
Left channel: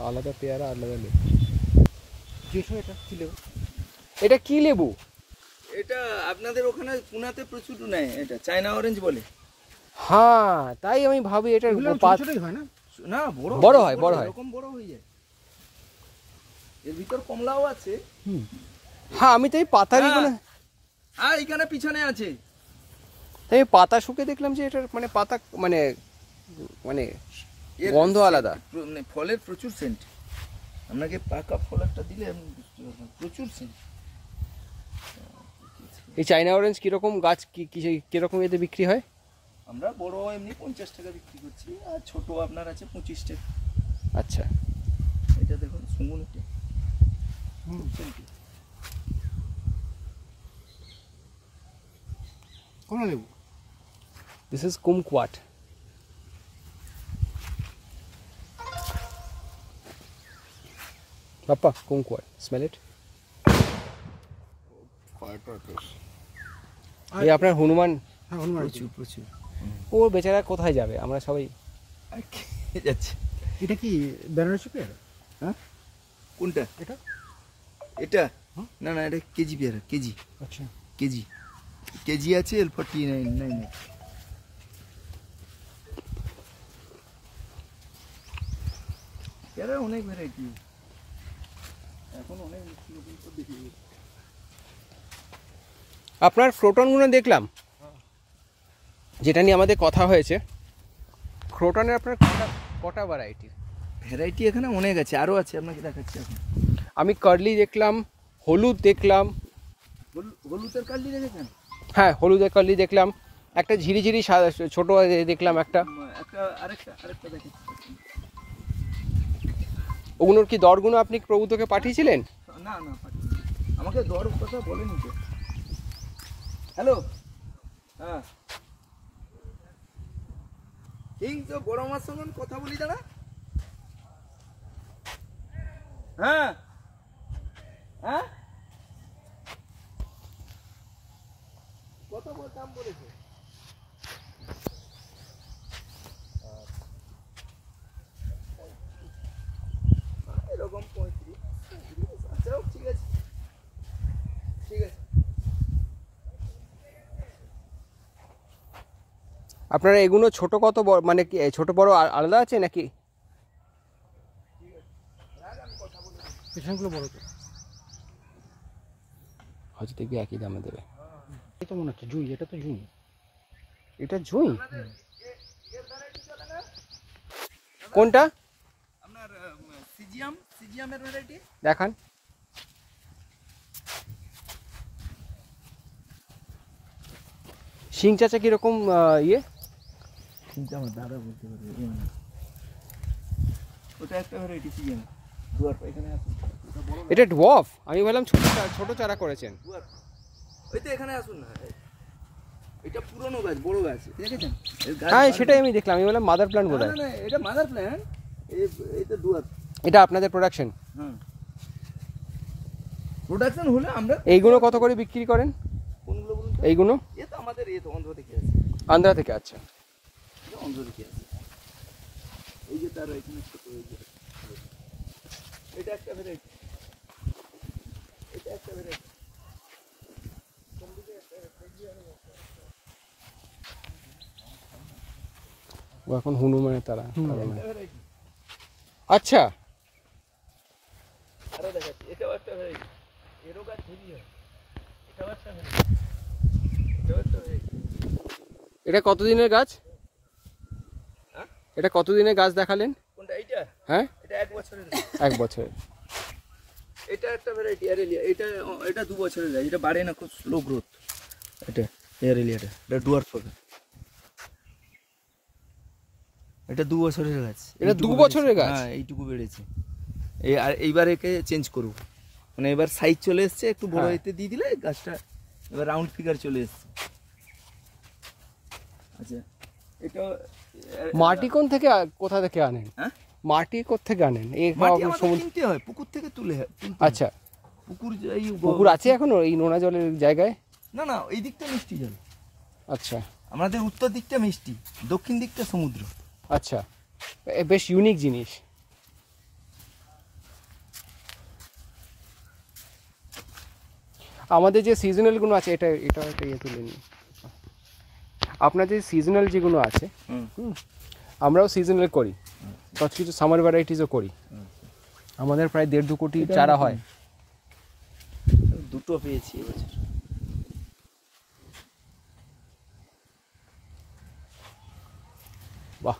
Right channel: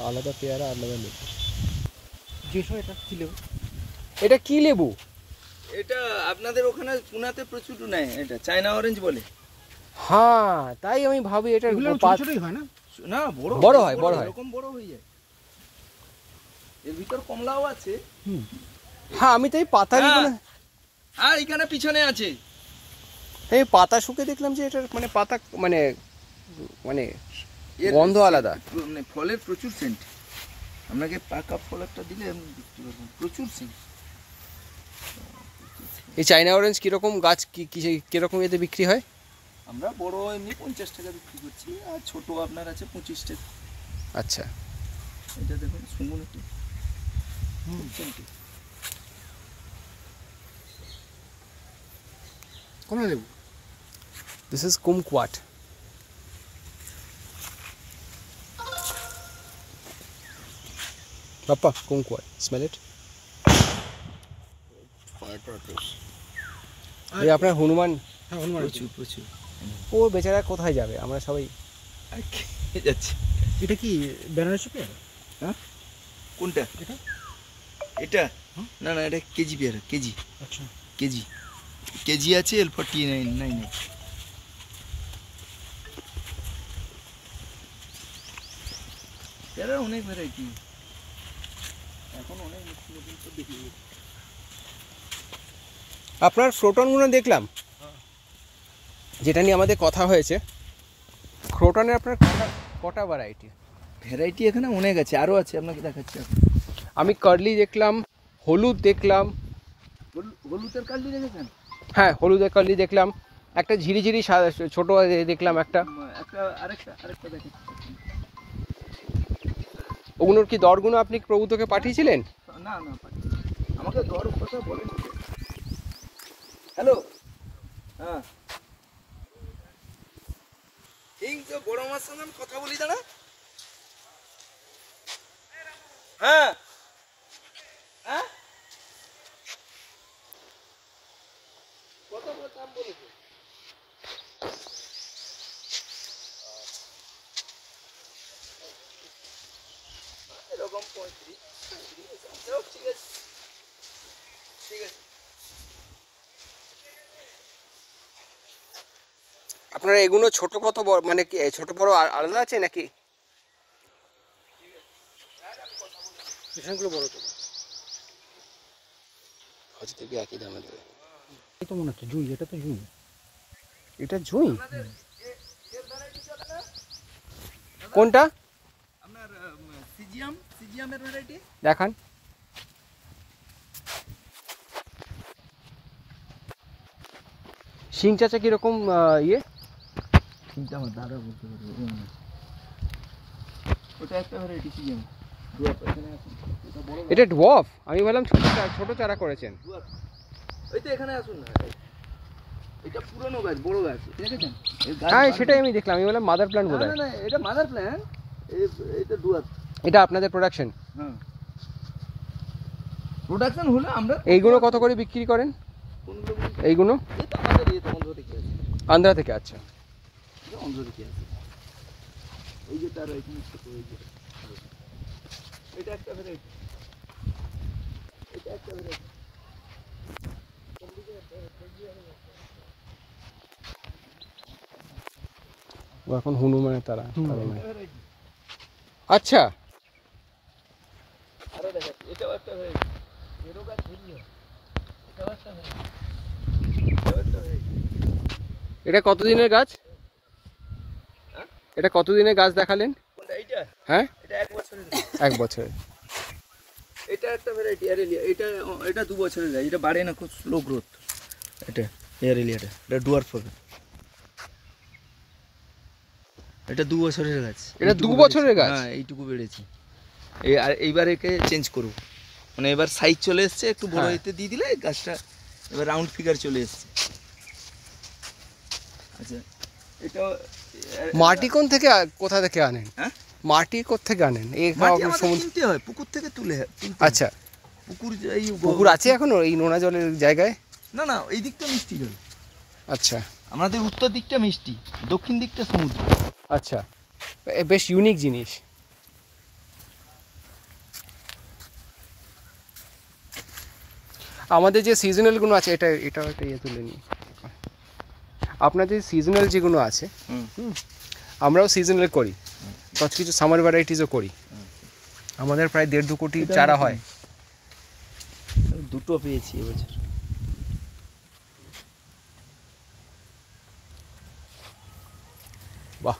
আলাদা পেয়ারা আলাদা লেবু। যেসব এটা ছিল এটা কি লেবু? এটা আপনাদের ওখানে পুনাতে প্রচুর নেয়, এটা চায়না অরেঞ্জ বলে। হ্যাঁ তাই আমি ভাবি এটা এগুলো ছোট ছোটই হয় না? না বড় বড় হয়, বড় হয়। এরকম বড় হয়ে যায়। এর ভিতর কমলাও আছে। হ্যাঁ আমি তো এই পাতা হ্যাঁ। আর এখানে পিছনে আছে। এই পাতা শুকে দেখলাম যে এটার মানে পাতা মানে মানে এর গন্ধ আলাদা। মানে ফলের প্রচুর সেন্ট। আপনাকে পাকা ফল একটা দিলে আমি বিক্রি করবো, প্রচুর সেন্ট। এই চায়না অরেঞ্জ কিরকম গাছ কিরকম এতে বিক্রি হয়? আমরা বড় এমনি 50 টাকা বিক্রি করছি, আর ছোট আপনার আছে 25 টাকা। আচ্ছা এটা দেখুন শুনুন একটু। কোন লেবু? This is kumquat. Papa, kumquat. Smell it. এই আপনার হনুমান, হ্যাঁ হনুমান প্রচুর প্রচুর ও বেচারা কোথায় যাবে, আমরা সবাই আর খেয়ে যাচ্ছে। এটা কি বেনারসি পেয়ারা? হ্যাঁ কোনটা এটা? এটা না না এটা কেজি পেয়ারা, কেজি আচ্ছা কেজি কেজি আছে L49 পেয়ারা অনেক ভ্যারাইটি এখন অনেক নতুন নতুন সব দেখি। আপনার ক্রোটনগুলো দেখলাম, যেটা নিয়ে আমাদের কথা হয়েছে। ক্রোটনের আপনার কটা কটা ভ্যারাইটি? ভ্যারাইটি এখানে অনেক আছে, আরও আছে, আপনাকে দেখাচ্ছি এখন। আমি কার্লি দেখলাম, হলুদ দেখলাম। হলুদের কালি দেখেছেন? হ্যাঁ, হলুদের কার্লি দেখলাম, একটা ঝিরিঝিরি ছোট দেখলাম একটা। একটা আরেকটা দেখাচ্ছি। ওগুলোর কি দরগুলো আপনি প্রভূতকে পাঠিয়েছিলেন? না না আমাকে দর কথা বলেনি তো। হ্যালো, হ্যাঁ এই তো বড় মার সঙ্গে আমি কথা বলি দাঁড়া। হ্যাঁ হ্যাঁ কত দাম বলেছে? এরকম 35 ঠিক আছে ঠিক আছে। আপনারা এগুলো ছোট কত বড়, মানে কি ছোট বড় আলাদা আছে নাকি? পেছনগুলো বড় তো, হয়তো দেখবি একই দামে দেবে। এই তো মনে হচ্ছে জুই, এটা তো জুই। এটা জুঁই? কোনটা আপনার সিজিয়ামের ভ্যারাইটি দেখান। শিং চাচা কিরকম ইয়ে? কিন্তু আমার দাদা বলতে পারবে। ওটা একটা ভ্যারাইটি সিজিয়াম। এখানে আসুন, এটা বড় এটা ডোয়ার্ফ? আমি বললাম ছোট চারা করেছেন। ওই তো এখানে আসুন না, এটা পুরনো গাছ, বড় গাছ দেখেছেন? হ্যাঁ, সেটাই আমি দেখলাম, আমি বললাম মাদার প্ল্যান্ট বোধ হয়। না এটা মাদার প্ল্যান্ট, এটা ডুয়ার। এটা আপনাদের প্রোডাকশন? হুম, প্রোডাকশন হলে আমরা এইগুলো কত করে বিক্রি করেন? কোনগুলো বলুন? এইগুলো এটা আমাদের তো অন্ধ্র থেকে আছে। আন্ধ্রা থেকে? আচ্ছা, এটা অন্ধ্র থেকে আছে। ওই যে তার এখানে ছোট ওই যে এটা একটা ভ্যারাইটি, এটা একটা ভ্যারাইটি। ও এখন হনুমানের তারা। আচ্ছা, আরো দেখাচ্ছি, এটাও একটা ভ্যারাইটি। এরও গাছ হেভি হয়, এটাও একটা ভ্যারাইটি, এটাও একটা ভ্যারাইটি। এটা কতদিনের গাছ? হ্যাঁ? এটা কতদিনের গাছ দেখালেন? কোনটা এইটা? হ্যাঁ, এটা 1 বছরের। 1 বছরের। এটা একটা ভ্যারাইটি এয়ারেলিয়া, এটা 2 বছরের গাছ, এটা বাড়ে না, খুব স্লো গ্রোথ। এটা এয়ারেলিয়াটা, এটা ডুয়ার্ফ হবে। এটা 2 বছরের গাছ। এটা 2 বছরের গাছ? হ্যাঁ, এইটুকু বেড়েছে। এইবার একে চেঞ্জ করব, মানে এবার সাইজ চলে এসছে, একটু বড় হ্যাঁ। হইতে দিয়ে দিলে গাছটা এবার রাউন্ড ফিগার চলে এসছে। আচ্ছা, এটা মাটি কোথা থেকে আনেন? হ্যাঁ, মাটি কোথা থেকে আনেন? এই মাটি আমাদের কিনতে হয়, পুকুর থেকে তুলতে হয়। আচ্ছা, পুকুর পুকুর আছে এখনো এই নোনা জলের জায়গায়? না না, এই দিকটা মিষ্টি জল। আচ্ছা আমাদের উত্তর দিকটা মিষ্টি, দক্ষিণ দিকটা সমুদ্র। আচ্ছা, বেশ ইউনিক জিনিস। আমাদের যে সিজনালগুলো আছে, এটা একটা ইয়ে তুলে নিই। আপনাদের সিজনাল যেগুলো আছে, আমরাও সিজনাল করি, কিছু সামার ভ্যারাইটিসও করি। আমাদের প্রায় 1.5-2 কোটি চারা হয়। দুটো পেয়েছি এবছর। বাহ,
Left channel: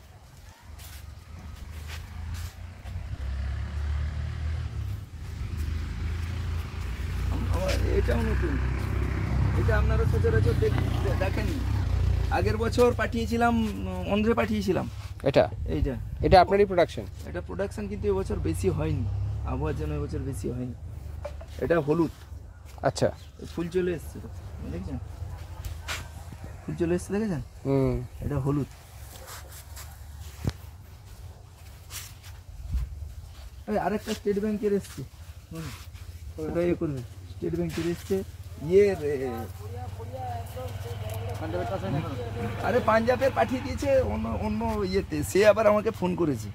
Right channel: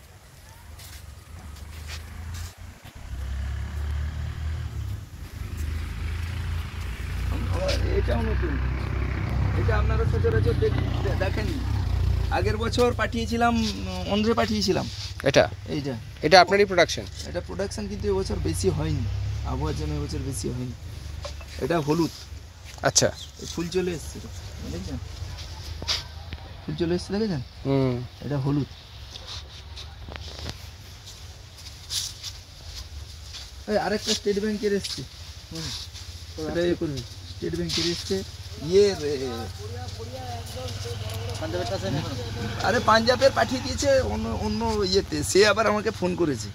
এটাও নতুন, এটা আপনারা সচরাচর দেখেননি। আগের বছর পাঠিয়েছিলাম, অন্ধ্রে পাঠিয়েছিলাম। এটা আপনারই প্রোডাকশন? এটা প্রোডাকশন, কিন্তু এবছর বেশি হয়নি, আবহাওয়ার জন্য এবছর বেশি হয়নি। এটা হলুদ। আচ্ছা, ফুল চলে এসছে, দেখছেন? ফুল চলে এসছে, দেখেছেন? এটা হলুদ। আরেকটা স্টেট ব্যাংকের এসছে, এটা করবে, স্টেট ব্যাংকের এসছে, আরে পাঞ্জাবের পাঠিয়ে দিয়েছে অন্য অন্য ইয়েতে, সে আবার আমাকে ফোন করেছে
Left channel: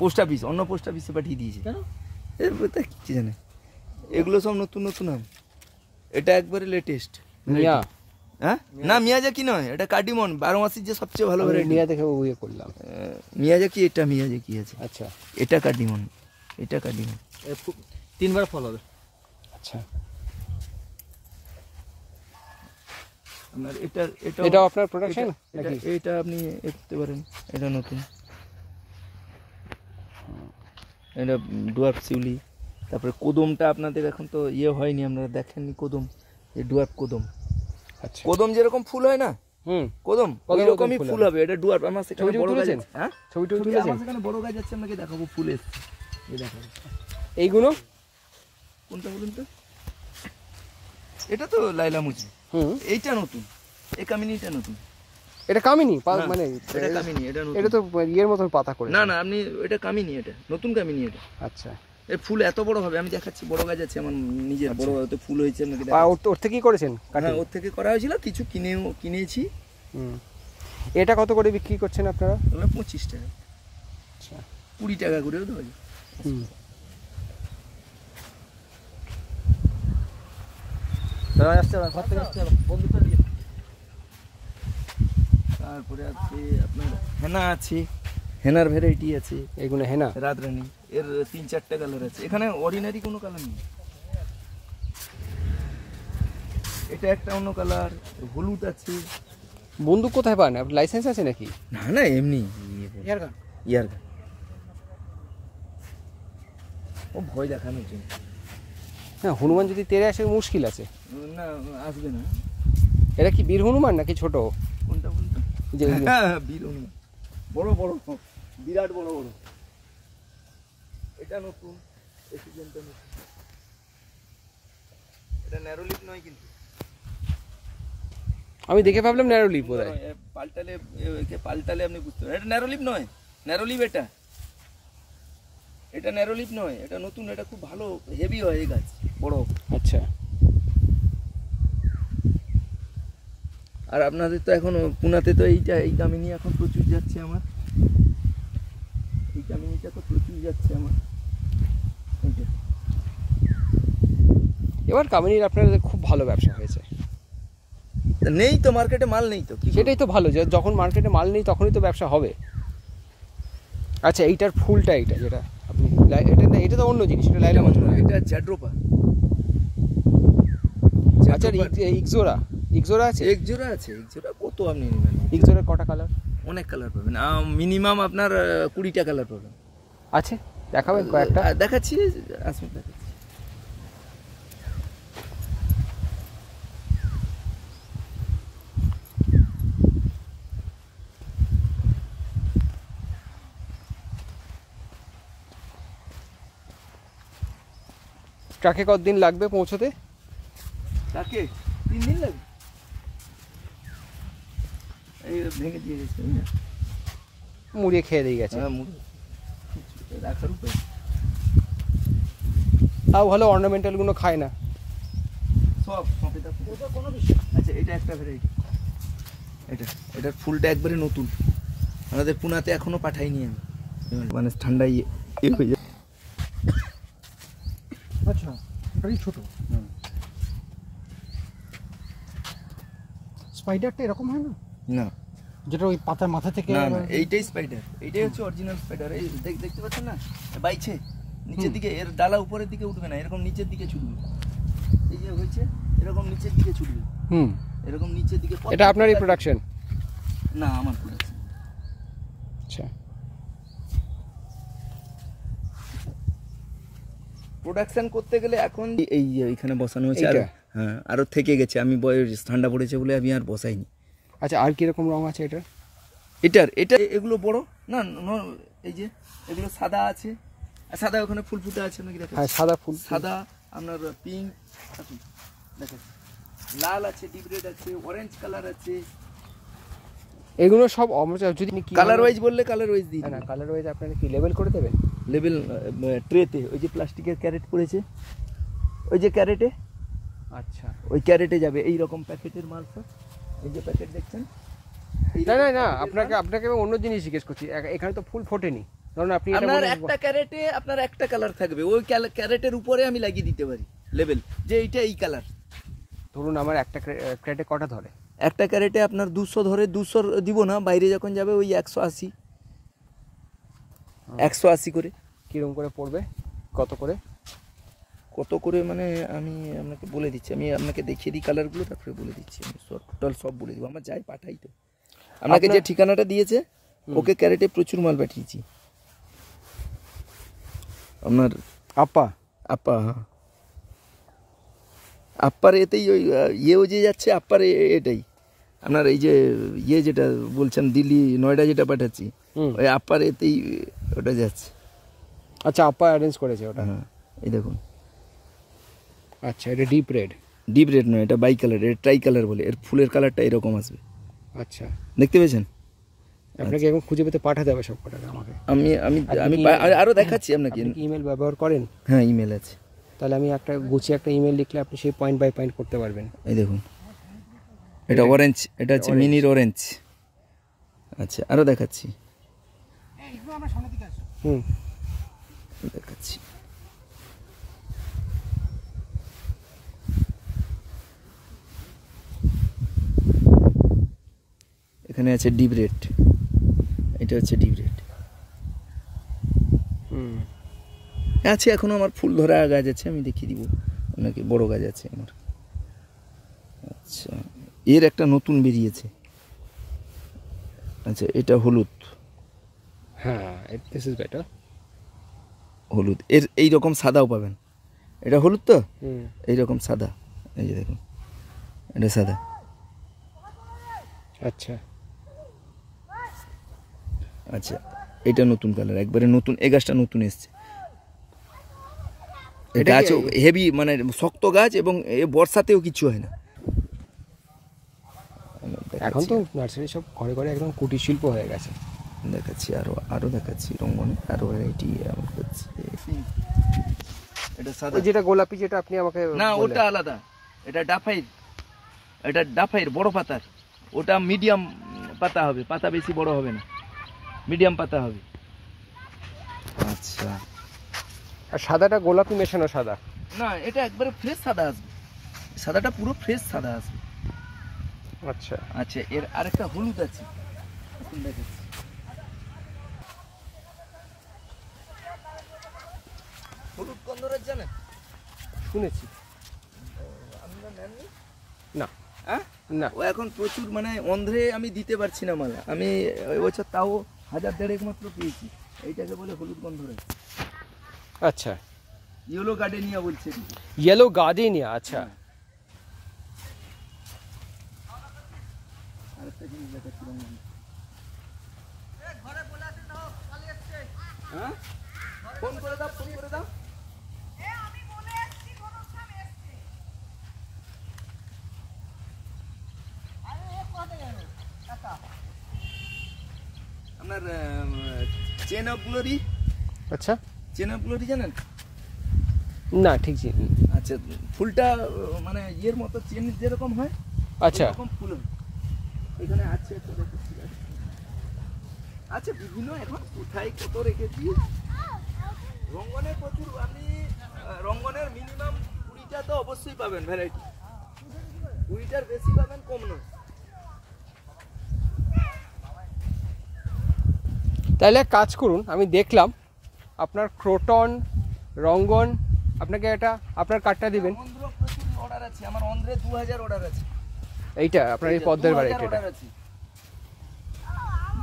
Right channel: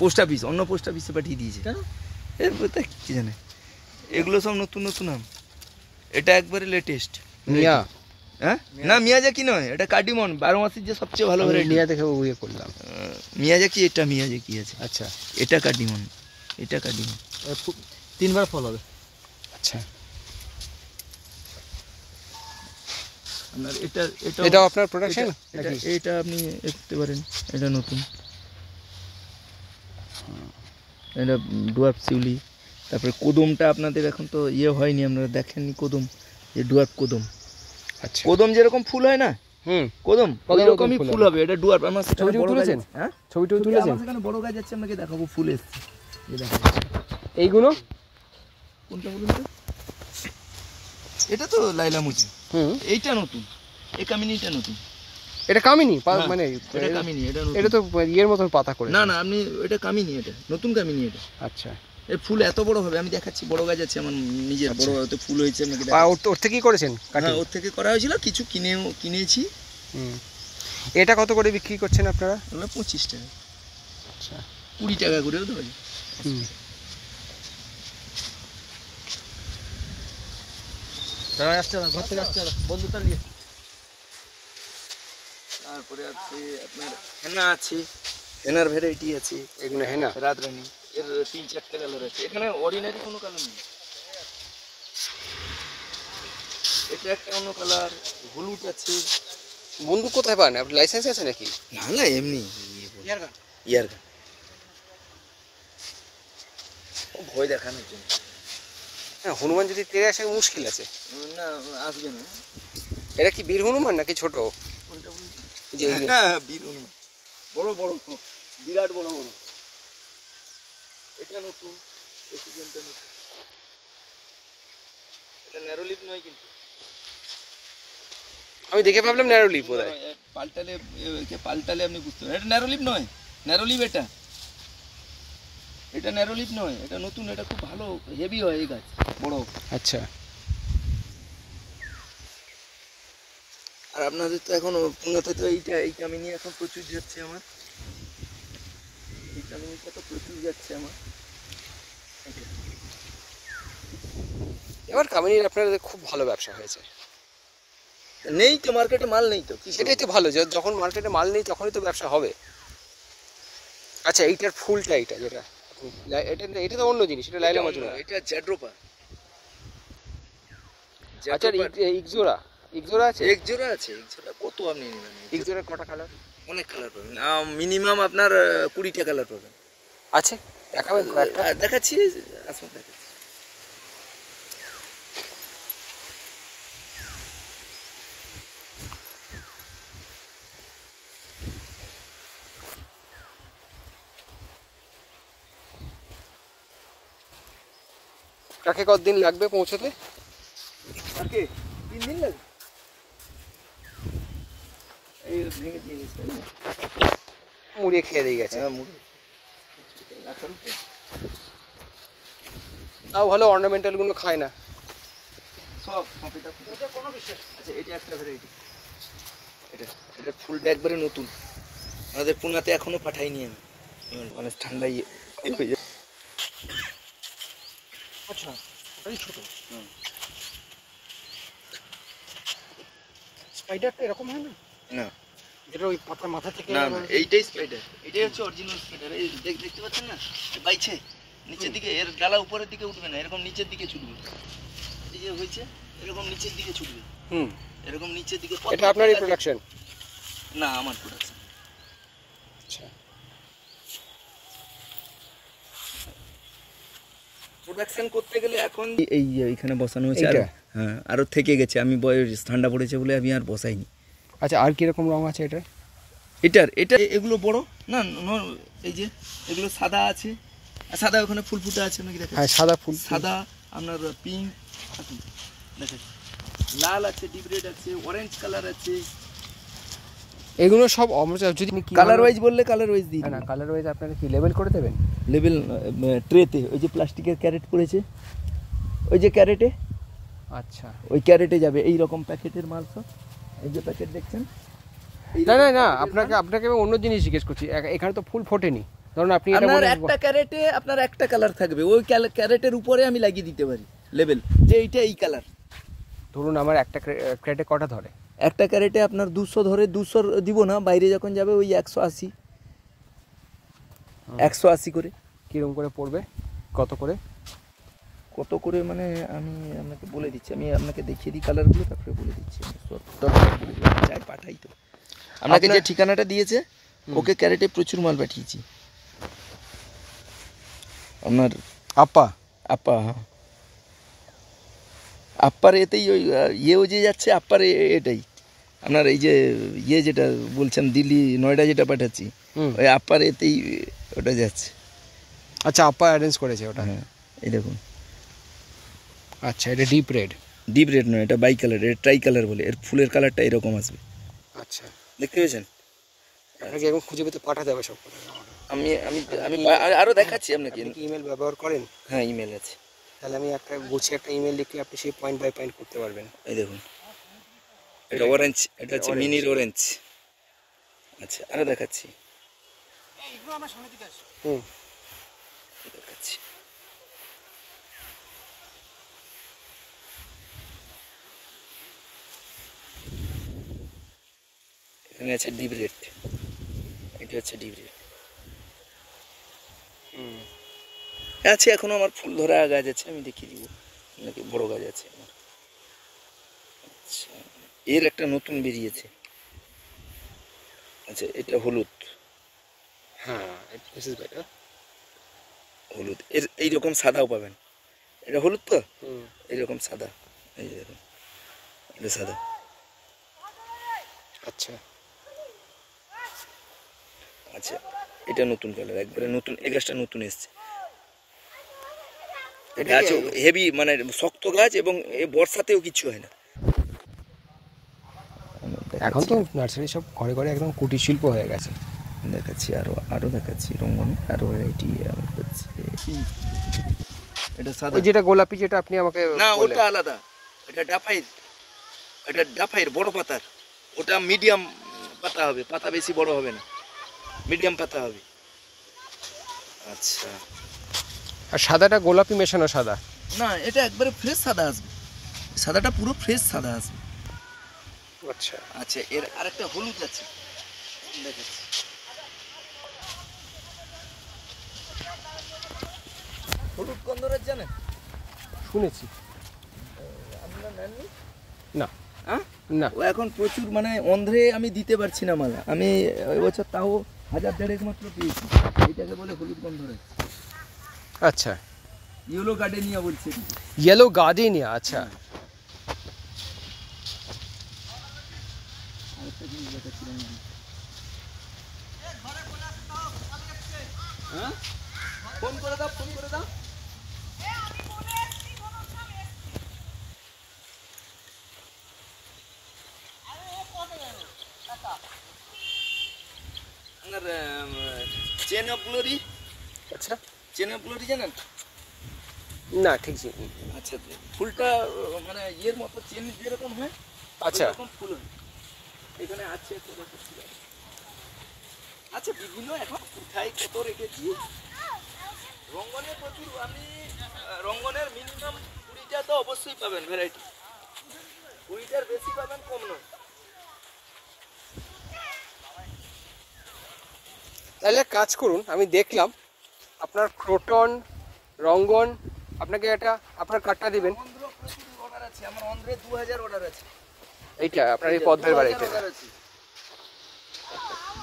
পোস্ট অফিস, অন্য পোস্ট অফিসে পাঠিয়ে দিয়েছে। কেন এর তা কি জানে, এগুলো সব নতুন নতুন আম, এটা একবারে লেটেস্ট। মিয়া হ্যাঁ না মিয়াজাকি নয়, এটা কার্ডিমন, 12 মাসের যে সবচেয়ে ভালো আমি ভ্যারাইটি। মিয়া দেখে ইয়ে করলাম। মিয়াজাকি, এটা মিয়াজাকি আছে, আচ্ছা এটা কার্ডিমন, এটা কার্ডিমন। 3 বার ফল হবে। আচ্ছা, আপনার এটা এটা এটাও আপনার প্রোডাকশন নাকি? এটা আপনি দেখতে পারেন, এটা নতুন, এটা ডুয়ার্ফ শিউলি। তারপরে কদমটা আপনাদের এখন তো ইয়ে হয়নি, আপনারা দেখেননি কদম, যে ডুয়ার্ফ কদম। আচ্ছা, কদম যেরকম ফুল হয় না, হুম, কদম কদম ওরকমই ফুল ফুল হবে, এটা ডুয়ার্ফ। আমার সেখানে ছবি টবি বড় গাছ তুলেছেন? আছে। হ্যাঁ ছবি টবি তুলেছেন? আমার সেখানে বড় গাছ আছে, আপনাকে দেখাবো, ফুল এসছে, এই দেখাবো। এইগুলো কোনটা বলুন তো? এটা তো লাইলা মুজি, হুম, এইটা নতুন, এই কামিনীটা নতুন। এটা কামিনী হ্যাঁ, মানে এটা কামিনী, এটা নতুন। এটা তো ইয়ের মতন পাতা করে। না না, আপনি এটা কামিনী, এটা নতুন কামিনী। এটা আচ্ছা, এর ফুল এত বড় হবে, আমি দেখাচ্ছি, বড় গাছ আছে আমার নিজের, বড় এত ফুল হয়েছে আপনাকে আর দেখাচ্ছি। ওর থেকেই করেছেন কাটিং? হ্যাঁ, ওর থেকে করা হয়েছিল, কিছু কিনেছি। হুম, এটা কত করে বিক্রি করছেন আপনারা? ওগুলো 25 টাকা, আচ্ছা, 20 টাকা করেও দেওয়া যায়। হুম, ঘর থেকে আসতে হবে বন্ধুটা নিয়ে। তারপরে আছে আপনার হেনা আছে, হেনার ভ্যারাইটি আছে, এগুলো হ্যাঁ না? রাতরানী, এর 3-4টা কালার আছে, এখানে অর্ডিনারি কোনো কালার নেই। এটা একটা অন্য কালার, হলুদ আছে। বন্দুক কোথায় পান? আপনার লাইসেন্স আছে নাকি? না না, এমনি ইয়ারগান। ইয়ারগান, ও ভয় দেখানোর জন্য। হ্যাঁ, হনুমান যদি তেড়ে আসে মুশকিল আছে। না আসবে না। এটা কি বীর হনুমান নাকি ছোট? কোনটা বলতো? যে এই যে- হ্যাঁ, বীর হনুমান, বড় বড়, বিরাট বড় বড়। এটা নতুন, এই সিজনটা নতুন। এটা ন্যারো লিপ নয় কিন্তু, আমি দেখে ভাবলাম ন্যারো লিপ বোধহয়। পাল্টালে একে পাল্টালে আপনি বুঝতে পারবেন। এটা ন্যারো লিপ নয়, ন্যারো লিপ এটা, এটা ন্যারো লিপ নয়, এটা নতুন, এটা খুব ভালো হেভি হয় এই গাছ, বড়। আচ্ছা, আর আপনাদের তো এখন পুনাতে তো এইটা, এই কামিনী এখন প্রচুর যাচ্ছে আমার, এই কামিনীটা তো প্রচুর যাচ্ছে আমার। এইটা এবার কামিনীর আপনাদের খুব ভালো ব্যবসা হয়েছে। তা নেই তো মার্কেটে, মাল নেই তো, কি সেটাই তো ভালো, যখন মার্কেটে মাল নেই তখনই তো ব্যবসা হবে। আচ্ছা, এইটার ফুলটা, এইটা যেটা আপনি এটা না, এটা তো অন্য জিনিস, এটা লাইলা মাজুরা। এটা জ্যাড্রোপা। আচ্ছা, ইকজোরা, ইকজোরা আছে? এক জোড়া আছে, এক জোড়া কত আপনি নেবেন? ইকজোরার কটা কালার অনেক কালার পাবেন, মিনিমাম আপনার 20টা কালার পাবেন। আছে? দেখাবেন কয়েকটা? দেখাচ্ছি, আসুন দেখাচ্ছি। ট্রাকে কতদিন লাগবে পৌঁছতে? কাকে 3 দিন লাগবে, এই ভেঙে দিয়ে গেছে। মুড়িয়ে খেয়ে দিয়ে গেছে। হ্যাঁ, মুড়ি রাখার উপরে। তাও ভালো, অর্নামেন্টালগুলো খায় না। সব কপিটা ওটা কোনো বিষয়। আচ্ছা, এটা একটা ভ্যারাইটি, এটার ফুলটা একবারে নতুন, আমাদের পুনাতে এখনো পাঠাইনি আমি, মানে ঠান্ডায় ইয়ে হয়ে যায়। আচ্ছা, ওটাই ছোট। স্পাইডারটা এরকম হয় না, না যেটা ওই পাতার মাথা থেকে? না না, এইটাই স্পাইডার, এইটাই হচ্ছে অরিজিনাল স্পাইডার। এই দেখতে পাচ্ছেন না, বাইছে নিচের দিকে, এর ডালা উপরের দিকে উঠবে না, এরকম নিচের দিকে ছুটবে। এই যে হয়েছে এরকম নিচের দিকে ছুটবে, হুম, এরকম নিচের দিকে। এটা আপনারই প্রোডাকশন? না, আমার প্রোডাকশন। আচ্ছা, প্রোডাকশন করতে গেলে এখন এই এইখানে বসানো হয়েছে, এইটা? হ্যাঁ, আরো থেকে গেছে, আমি ঠান্ডা পড়েছে বলে আমি আর বসাইনি। আচ্ছা, আর কিরকম রং আছে এটা? এটা এগুলো বড় না, এই যে এগুলো সাদা আছে, আর সাদা ওখানে ফুল ফুটে আছে, নাকি দেখেন? হ্যাঁ, সাদা ফুল। সাদা, আপনার পিঙ্ক, দেখেন লাল আছে, ডিপ রেড আছে, অরেঞ্জ কালার আছে। এগুলো সব যদি কালার ওয়াইজ বললে কালার ওয়াইজ দিই। না, কালার ওয়াইজ আপনারা কি লেবেল করে দেবেন? লেবেল ট্রেতে, ওই যে প্লাস্টিকের ক্যারেট পড়েছে, ওই যে ক্যারেটে আচ্ছা, ওই ক্যারেটে যাবে এই রকম প্যাকেটের মাল সব। এই যে প্যাকেট দেখছেন, না না না, আপনাকে আমি অন্য জিনিস জিজ্ঞেস করছি। এখানে তো ফুল ফোটেনি, ধরুন আপনি এটা আপনার বললেন একটা ক্যারেটে আপনার একটা কালার থাকবে, ওই ক্যারেটের উপরে আমি লাগিয়ে দিতে পারি লেবেল যে এইটা এই কালার। ধরুন আমার একটা ক্রেটে কটা ধরে? একটা ক্যারেটে আপনার 200 ধরে, 200 দিব না, বাইরে যখন যাবে ওই 180 করে। কিরকম করে পড়বে, কত করে? কত করে মানে আমি আপনাকে বলে দিচ্ছি, আমি আপনাকে দেখিয়ে দিই কালারগুলো, তারপরে বলে দিচ্ছি। আমি সব বলে দিলাম, চাই পাঠাই তো আপনাকে যে ঠিকানাটা দিয়েছে, ওকে ক্যারেটে প্রচুর মাল পাঠিয়েছি। আপনার আপা হ্যাঁ, আপ্পার এতেই ওই ইয়েও যে যাচ্ছে আপ্পার এটাই আপনার এই যে যেটা বলছেন দিল্লি নয়ডা যেটা পাঠাচ্ছি, ওই আপ্পার এতেই ওটা যাচ্ছে। আচ্ছা, আপা অ্যারেঞ্জ করেছে ওটা? হ্যাঁ, এই দেখুন। আচ্ছা, এটা ডিপ রেড নয়, এটা বাই কালার, এটা ট্রাই কালার বলে। এর ফুলের কালারটা এরকম আসবে। আচ্ছা, দেখতে পেয়েছেন? আপনাকে এখন খুঁজে পেতে পাঠাতে হবে সব কথা আমাকে। আমি আরো দেখাচ্ছি আপনাকে। ইমেল ব্যবহার করেন? হ্যাঁ, ইমেল আছে। তাহলে আমি একটা গুছিয়ে একটা ইমেল লিখলে আপনি সেই পয়েন্ট বাই পয়েন্ট করতে পারবেন। এই দেখুন, এটা অরেঞ্জ, এটা হচ্ছে মিনির অরেঞ্জ। আচ্ছা, আরো দেখাচ্ছি। এগুলো আমার সামনে দিকে আসে। দেখাচ্ছি। এখানে আছে ডিপ রেড, এটা হচ্ছে ডিপ রেড। আছে এখনো আমার ফুল ধরা গাছ আছে, আমি দেখিয়ে দিব আপনাকে, বড় গাছ আছে আমার। আচ্ছা, এর একটা নতুন বেরিয়েছে। আচ্ছা, এটা হলুদ। হ্যাঁ, দিস ইজ বেটার। হলুদ, এর এইরকম সাদাও পাবেন। এটা হলুদ তো, এইরকম সাদা, এই যে দেখুন, এটা সাদা। আচ্ছা আচ্ছা, এটা নতুন কালার, একবারে নতুন, এই গাছটা নতুন এসছে। গাছ হেভি, মানে শক্ত গাছ, এবং এ বর্ষাতেও কিছু হয় না। এখন তো নার্সারি সব ঘরে ঘরে একদম কুটির শিল্প হয়ে গেছে। দেখাচ্ছি, আরো দেখাচ্ছি রঙ্গন, আরো ভ্যারাইটি আমি করছি। এটা সাদা, ওই যেটা গোলাপি যেটা আপনি আমাকে না বললেন। ওটা আলাদা, এটা ডাফাইর বড় পাতার। ওটা মিডিয়াম পাতা হবে, পাতা বেশি বড় হবে না, মিডিয়াম পাতা হবে। আচ্ছা, আর সাদাটা গোলাপি মেশানো সাদা? না, এটা একবারে ফ্রেশ সাদা আসবে, সাদাটা পুরো ফ্রেশ সাদা আসবে। আচ্ছা আচ্ছা, এর আরেকটা হলুদ আছে, দেখাচ্ছি। হলুদ গন্ধরাজ জানেন? শুনেছি। আপনারা নেননি? না। হ্যাঁ, না, ও এখন প্রচুর, মানে অন্ধ্রে আমি দিতে পারছি না মালা। আমি ওই বছর তাও 1000-1500 মাত্র পেয়েছি। এইটাকে বলে হলুদ গন্ধরাজ। আচ্ছা, ইয়েলো গার্ডেনিয়া বলছে। ইয়েলো গার্ডেনিয়া, আচ্ছা। আরেকটা জিনিস দেখাচ্ছি রঙিন। হ্যাঁ, ফোন করে দাও। আপনার চেন অফ গ্লোরি, আচ্ছা, জানেন? না ঠিক জানি। আচ্ছা, ফুলটা মানে ইয়ের মতো, চেন যেরকম হয়, আচ্ছা, এরকম ফুল হয়। এখানে আছে একটা দেখাচ্ছি। আচ্ছা, বিভিন্ন এখন কোথায় কত রেখেছি। রঙ্গনের প্রচুর, আপনি রঙ্গনের মিনিমাম 20টা তো অবশ্যই পাবেন ভ্যারাইটি, 20টার বেশি পাবেন, কম নয়। তাহলে এক কাজ করুন, আমি দেখলাম আপনার ক্রোটন, রঙ্গন, আপনাকে এটা আপনার কার্ডটা দিবেন। অন্ধ্র প্রচুর অর্ডার আছে আমার, অন্ধ্রে 2000 অর্ডার আছে। এইটা আপনার এই পদ্মের বাড়িতে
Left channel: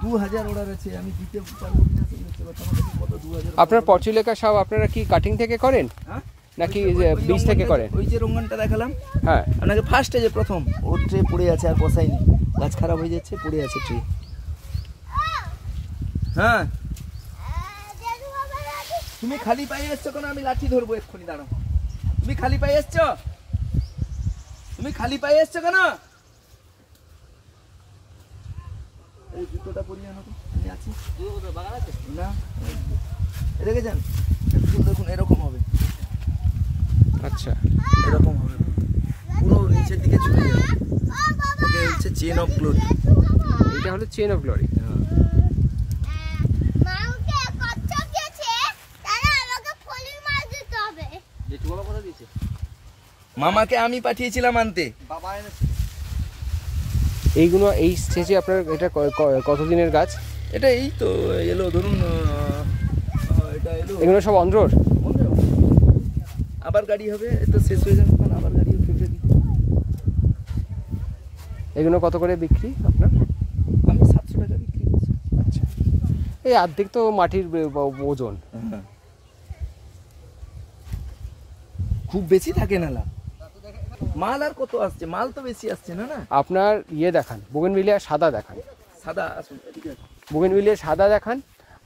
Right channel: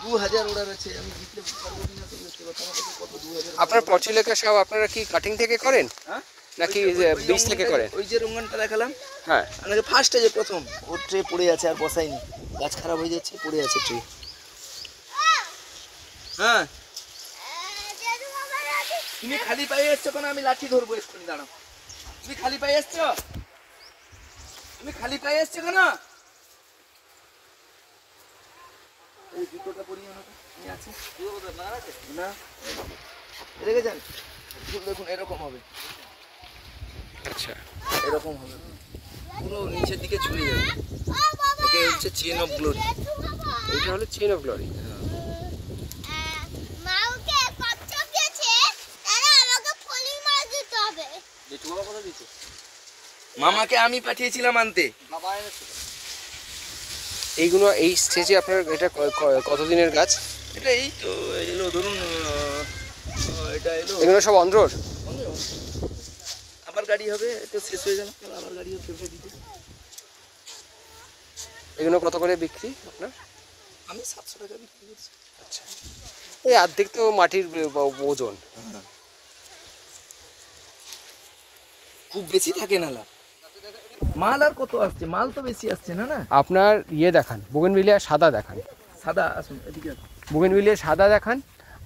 2000 অর্ডার আছে, আমি দিতে পারবো না তো বুঝতে পারছো, আমার কাছে কত 2000। আপনার পচুলেখা সব আপনারা কি কাটিং থেকে করেন হ্যাঁ, নাকি বীজ থেকে করেন? ওই যে রঙ্গনটা দেখালাম, হ্যাঁ, আপনাকে ফার্স্টে যে প্রথম, ওর ট্রে পড়ে আছে, আর বসাইনি, গাছ খারাপ হয়ে যাচ্ছে, পড়ে আছে ট্রে। হ্যাঁ, তুমি খালি পায়ে এসছো কেন? আমি লাঠি ধরবো এক্ষুনি, দাঁড়াও। তুমি খালি পায়ে এসছো কেন? এই জুতোটা পরিয়ে আনো তো, আমি আছি। না, রেখে যান। ফুল দেখুন এরকম হবে, আচ্ছা, এরকম হবে। পুরো নিচের দিকে চলে যাবে। এটা হচ্ছে চেন অফ গ্লোরি। এটা হলো চেন অফ গ্লোরি। মামাকে আমি পাঠিয়েছিলাম আনতে। এইগুলো এই স্টেজে আপনার এটা কতদিনের গাছ? এটা এই তো এলো ধরুন এটা এলো এগুলো সব অন্ধ্রর? আবার গাড়ি হবে, একটু শেষ হয়ে যাবে তাহলে আবার গাড়ি হবে ফেব্রুয়ারিতে। এগুলো কত করে বিক্রি আপনার? আমি 700 টাকা বিক্রি করছি। আচ্ছা, এই অর্ধেক তো মাটির ওজন। খুব বেশি থাকে না লাভ। মাল আর কত আসছে? মাল তো বেশি আসছে না। না আপনার ইয়ে দেখান, বুগেনভিলিয়া সাদা দেখান। সাদা আসুন এদিকে আসুন। বুগেনভিলিয়া সাদা দেখান।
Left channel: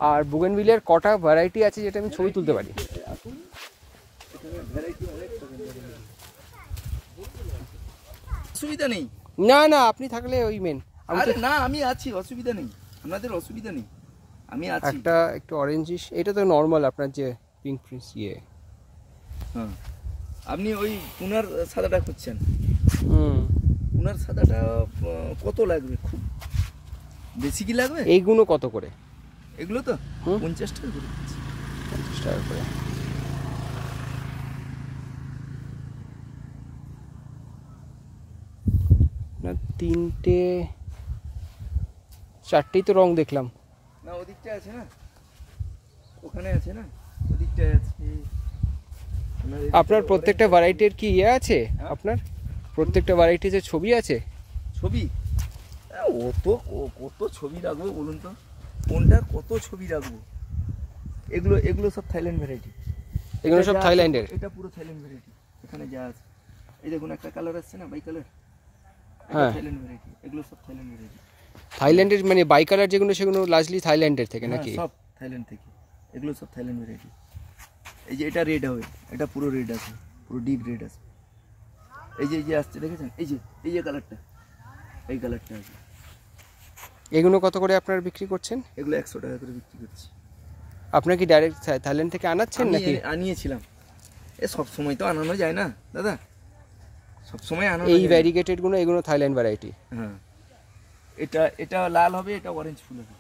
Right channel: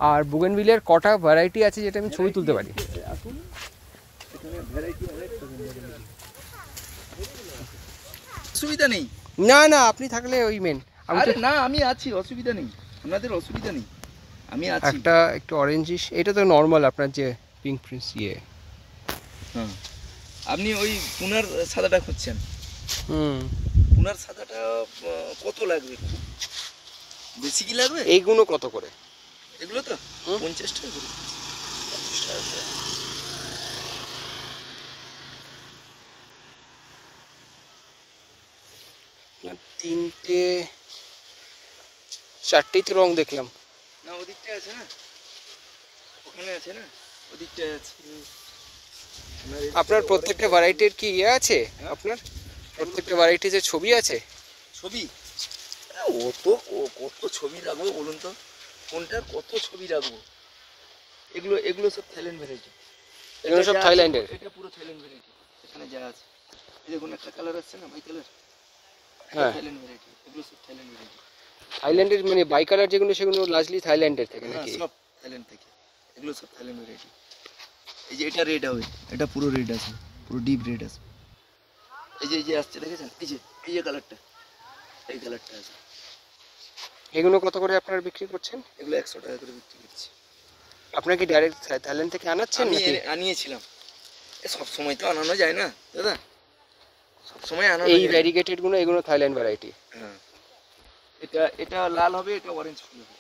আর বুগেনভিলিয়ার কটা ভ্যারাইটি আছে যেটা আমি ছবি তুলতে পারি? আসুন, এখানে ভ্যারাইটি অনেক রকম। অসুবিধা নেই। না না, আপনি থাকলে ওই মেন। আমি তো আরে না, আমি আছি, অসুবিধা নেই, আপনাদের অসুবিধা নেই, আমি আছি। একটা একটু অরেঞ্জিশ, এটা তো নর্মাল আপনার যে পিঙ্ক প্রিন্স ইয়ে। হ্যাঁ, আপনি ওই পুনার সাদাটা খুঁজছেন? পুনার সাদাটা কত লাগবে? খুব বেশি কি লাগবে? এইগুলো কত করে? এগুলো তো 50 টাকা করে। 50 টাকা করে। না, তিনটে চারটেই তো রং দেখলাম। না ওদিকটা আছে না, ওখানে আছে না, ওদিকটায় আছে। আপনার প্রত্যেকটা ভ্যারাইটির কি ইয়ে আছে? আপনার প্রত্যেকটা ভ্যারাইটির যে ছবি আছে? ছবি? ও তো কত ছবি রাখবো বলুন তো, কোনটা কত ছবি রাখবো? এগুলো এগুলো সব থাইল্যান্ড ভ্যারাইটি। এগুলো সব থাইল্যান্ডের? এটা পুরো থাইল্যান্ড ভ্যারাইটি। এখানে যা আছে, এই দেখুন একটা কালার আসছে না, বাই কালার, হ্যাঁ, থাইল্যান্ড ভ্যারাইটি। এগুলো সব থাইল্যান্ড ভ্যারাইটি। থাইল্যান্ডের মানে বাই কালার যেগুলো, সেগুলো লার্জলি থাইল্যান্ডের থেকে নাকি? সব থাইল্যান্ড থেকে, এগুলো সব থাইল্যান্ড ভ্যারাইটি। এই যে এটা রেড হবে, এটা পুরো রেড আছে, পুরো ডিপ রেড আছে। এই যে আসছে দেখেছেন, এই যে কালারটা, এই কালারটা আছে। এগুলো কত করে আপনারা বিক্রি করছেন? এগুলো 100 টাকা করে বিক্রি করছি। আপনারা কি ডাইরেক্ট থাইল্যান্ড থেকে আনাচ্ছেন আমি নাকি? আনিয়েছিলাম। সব সময় তো আনানো যায় না দাদা, সব সময় আনানো এই যায় না। ভ্যারিগেটেড গুলো, এগুলো থাইল্যান্ড ভ্যারাইটি? হ্যাঁ, এটা লাল হবে, এটা অরেঞ্জ ফুল হবে,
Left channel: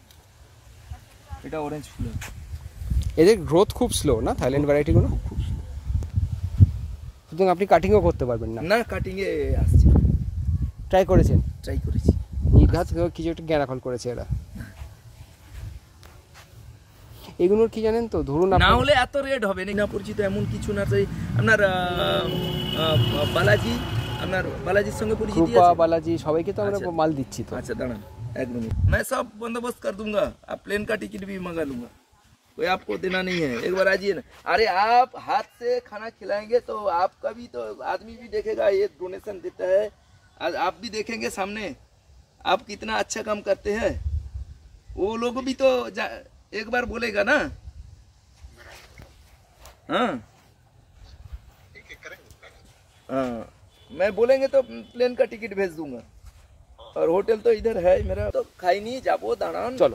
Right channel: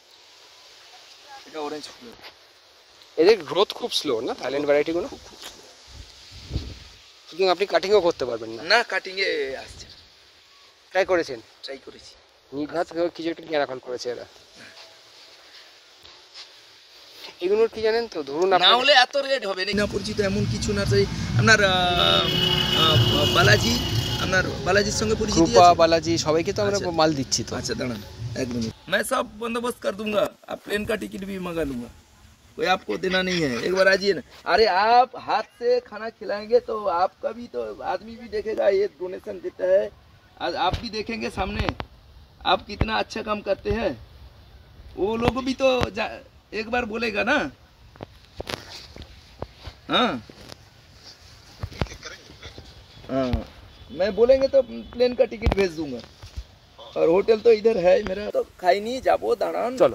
এটা অরেঞ্জ ফুল হবে। এদের গ্রোথ খুব স্লো না থাইল্যান্ড ভ্যারাইটিগুলো? সুতরাং আপনি কাটিংও করতে পারবেন না? না, কাটিংয়ে আসছে। ট্রাই করেছেন? ট্রাই করেছি। নির্ঘাত কিছু একটা জ্ঞানাকল করেছে এরা। এগুলোর কি জানেন তো, ধরুন না আপনার হলে এত রেট হবে না। পরিচিত এমন কিছু না, আপনার বালাজি, আপনার বালাজির সঙ্গে পরিচিত কৃপা, আছে? বালাজি সবাইকে তো আমরা আচ্ছা। মাল দিচ্ছি তো। अच्छा दाड़ा, एक मिनट, मैं सब बंदोबस्त कर दूंगा। आप प्लेन का टिकट भी मंगा लूंगा, कोई आपको देना नहीं है। एक बार आइए ना। अरे आप हाथ से खाना खिलाएंगे तो आपका भी तो आदमी भी देखेगा, ये डोनेशन देता है, आज आप भी देखेंगे सामने आप कितना अच्छा काम करते हैं। वो लोग भी तो एक बार बोलेगा ना। हाँ हाँ, मैं बोलेंगे तो प्लेन का टिकट भेज दूंगा। और होटल तो इधर है मेरा, तो खाई नहीं जाबो दाड़ान। চলো।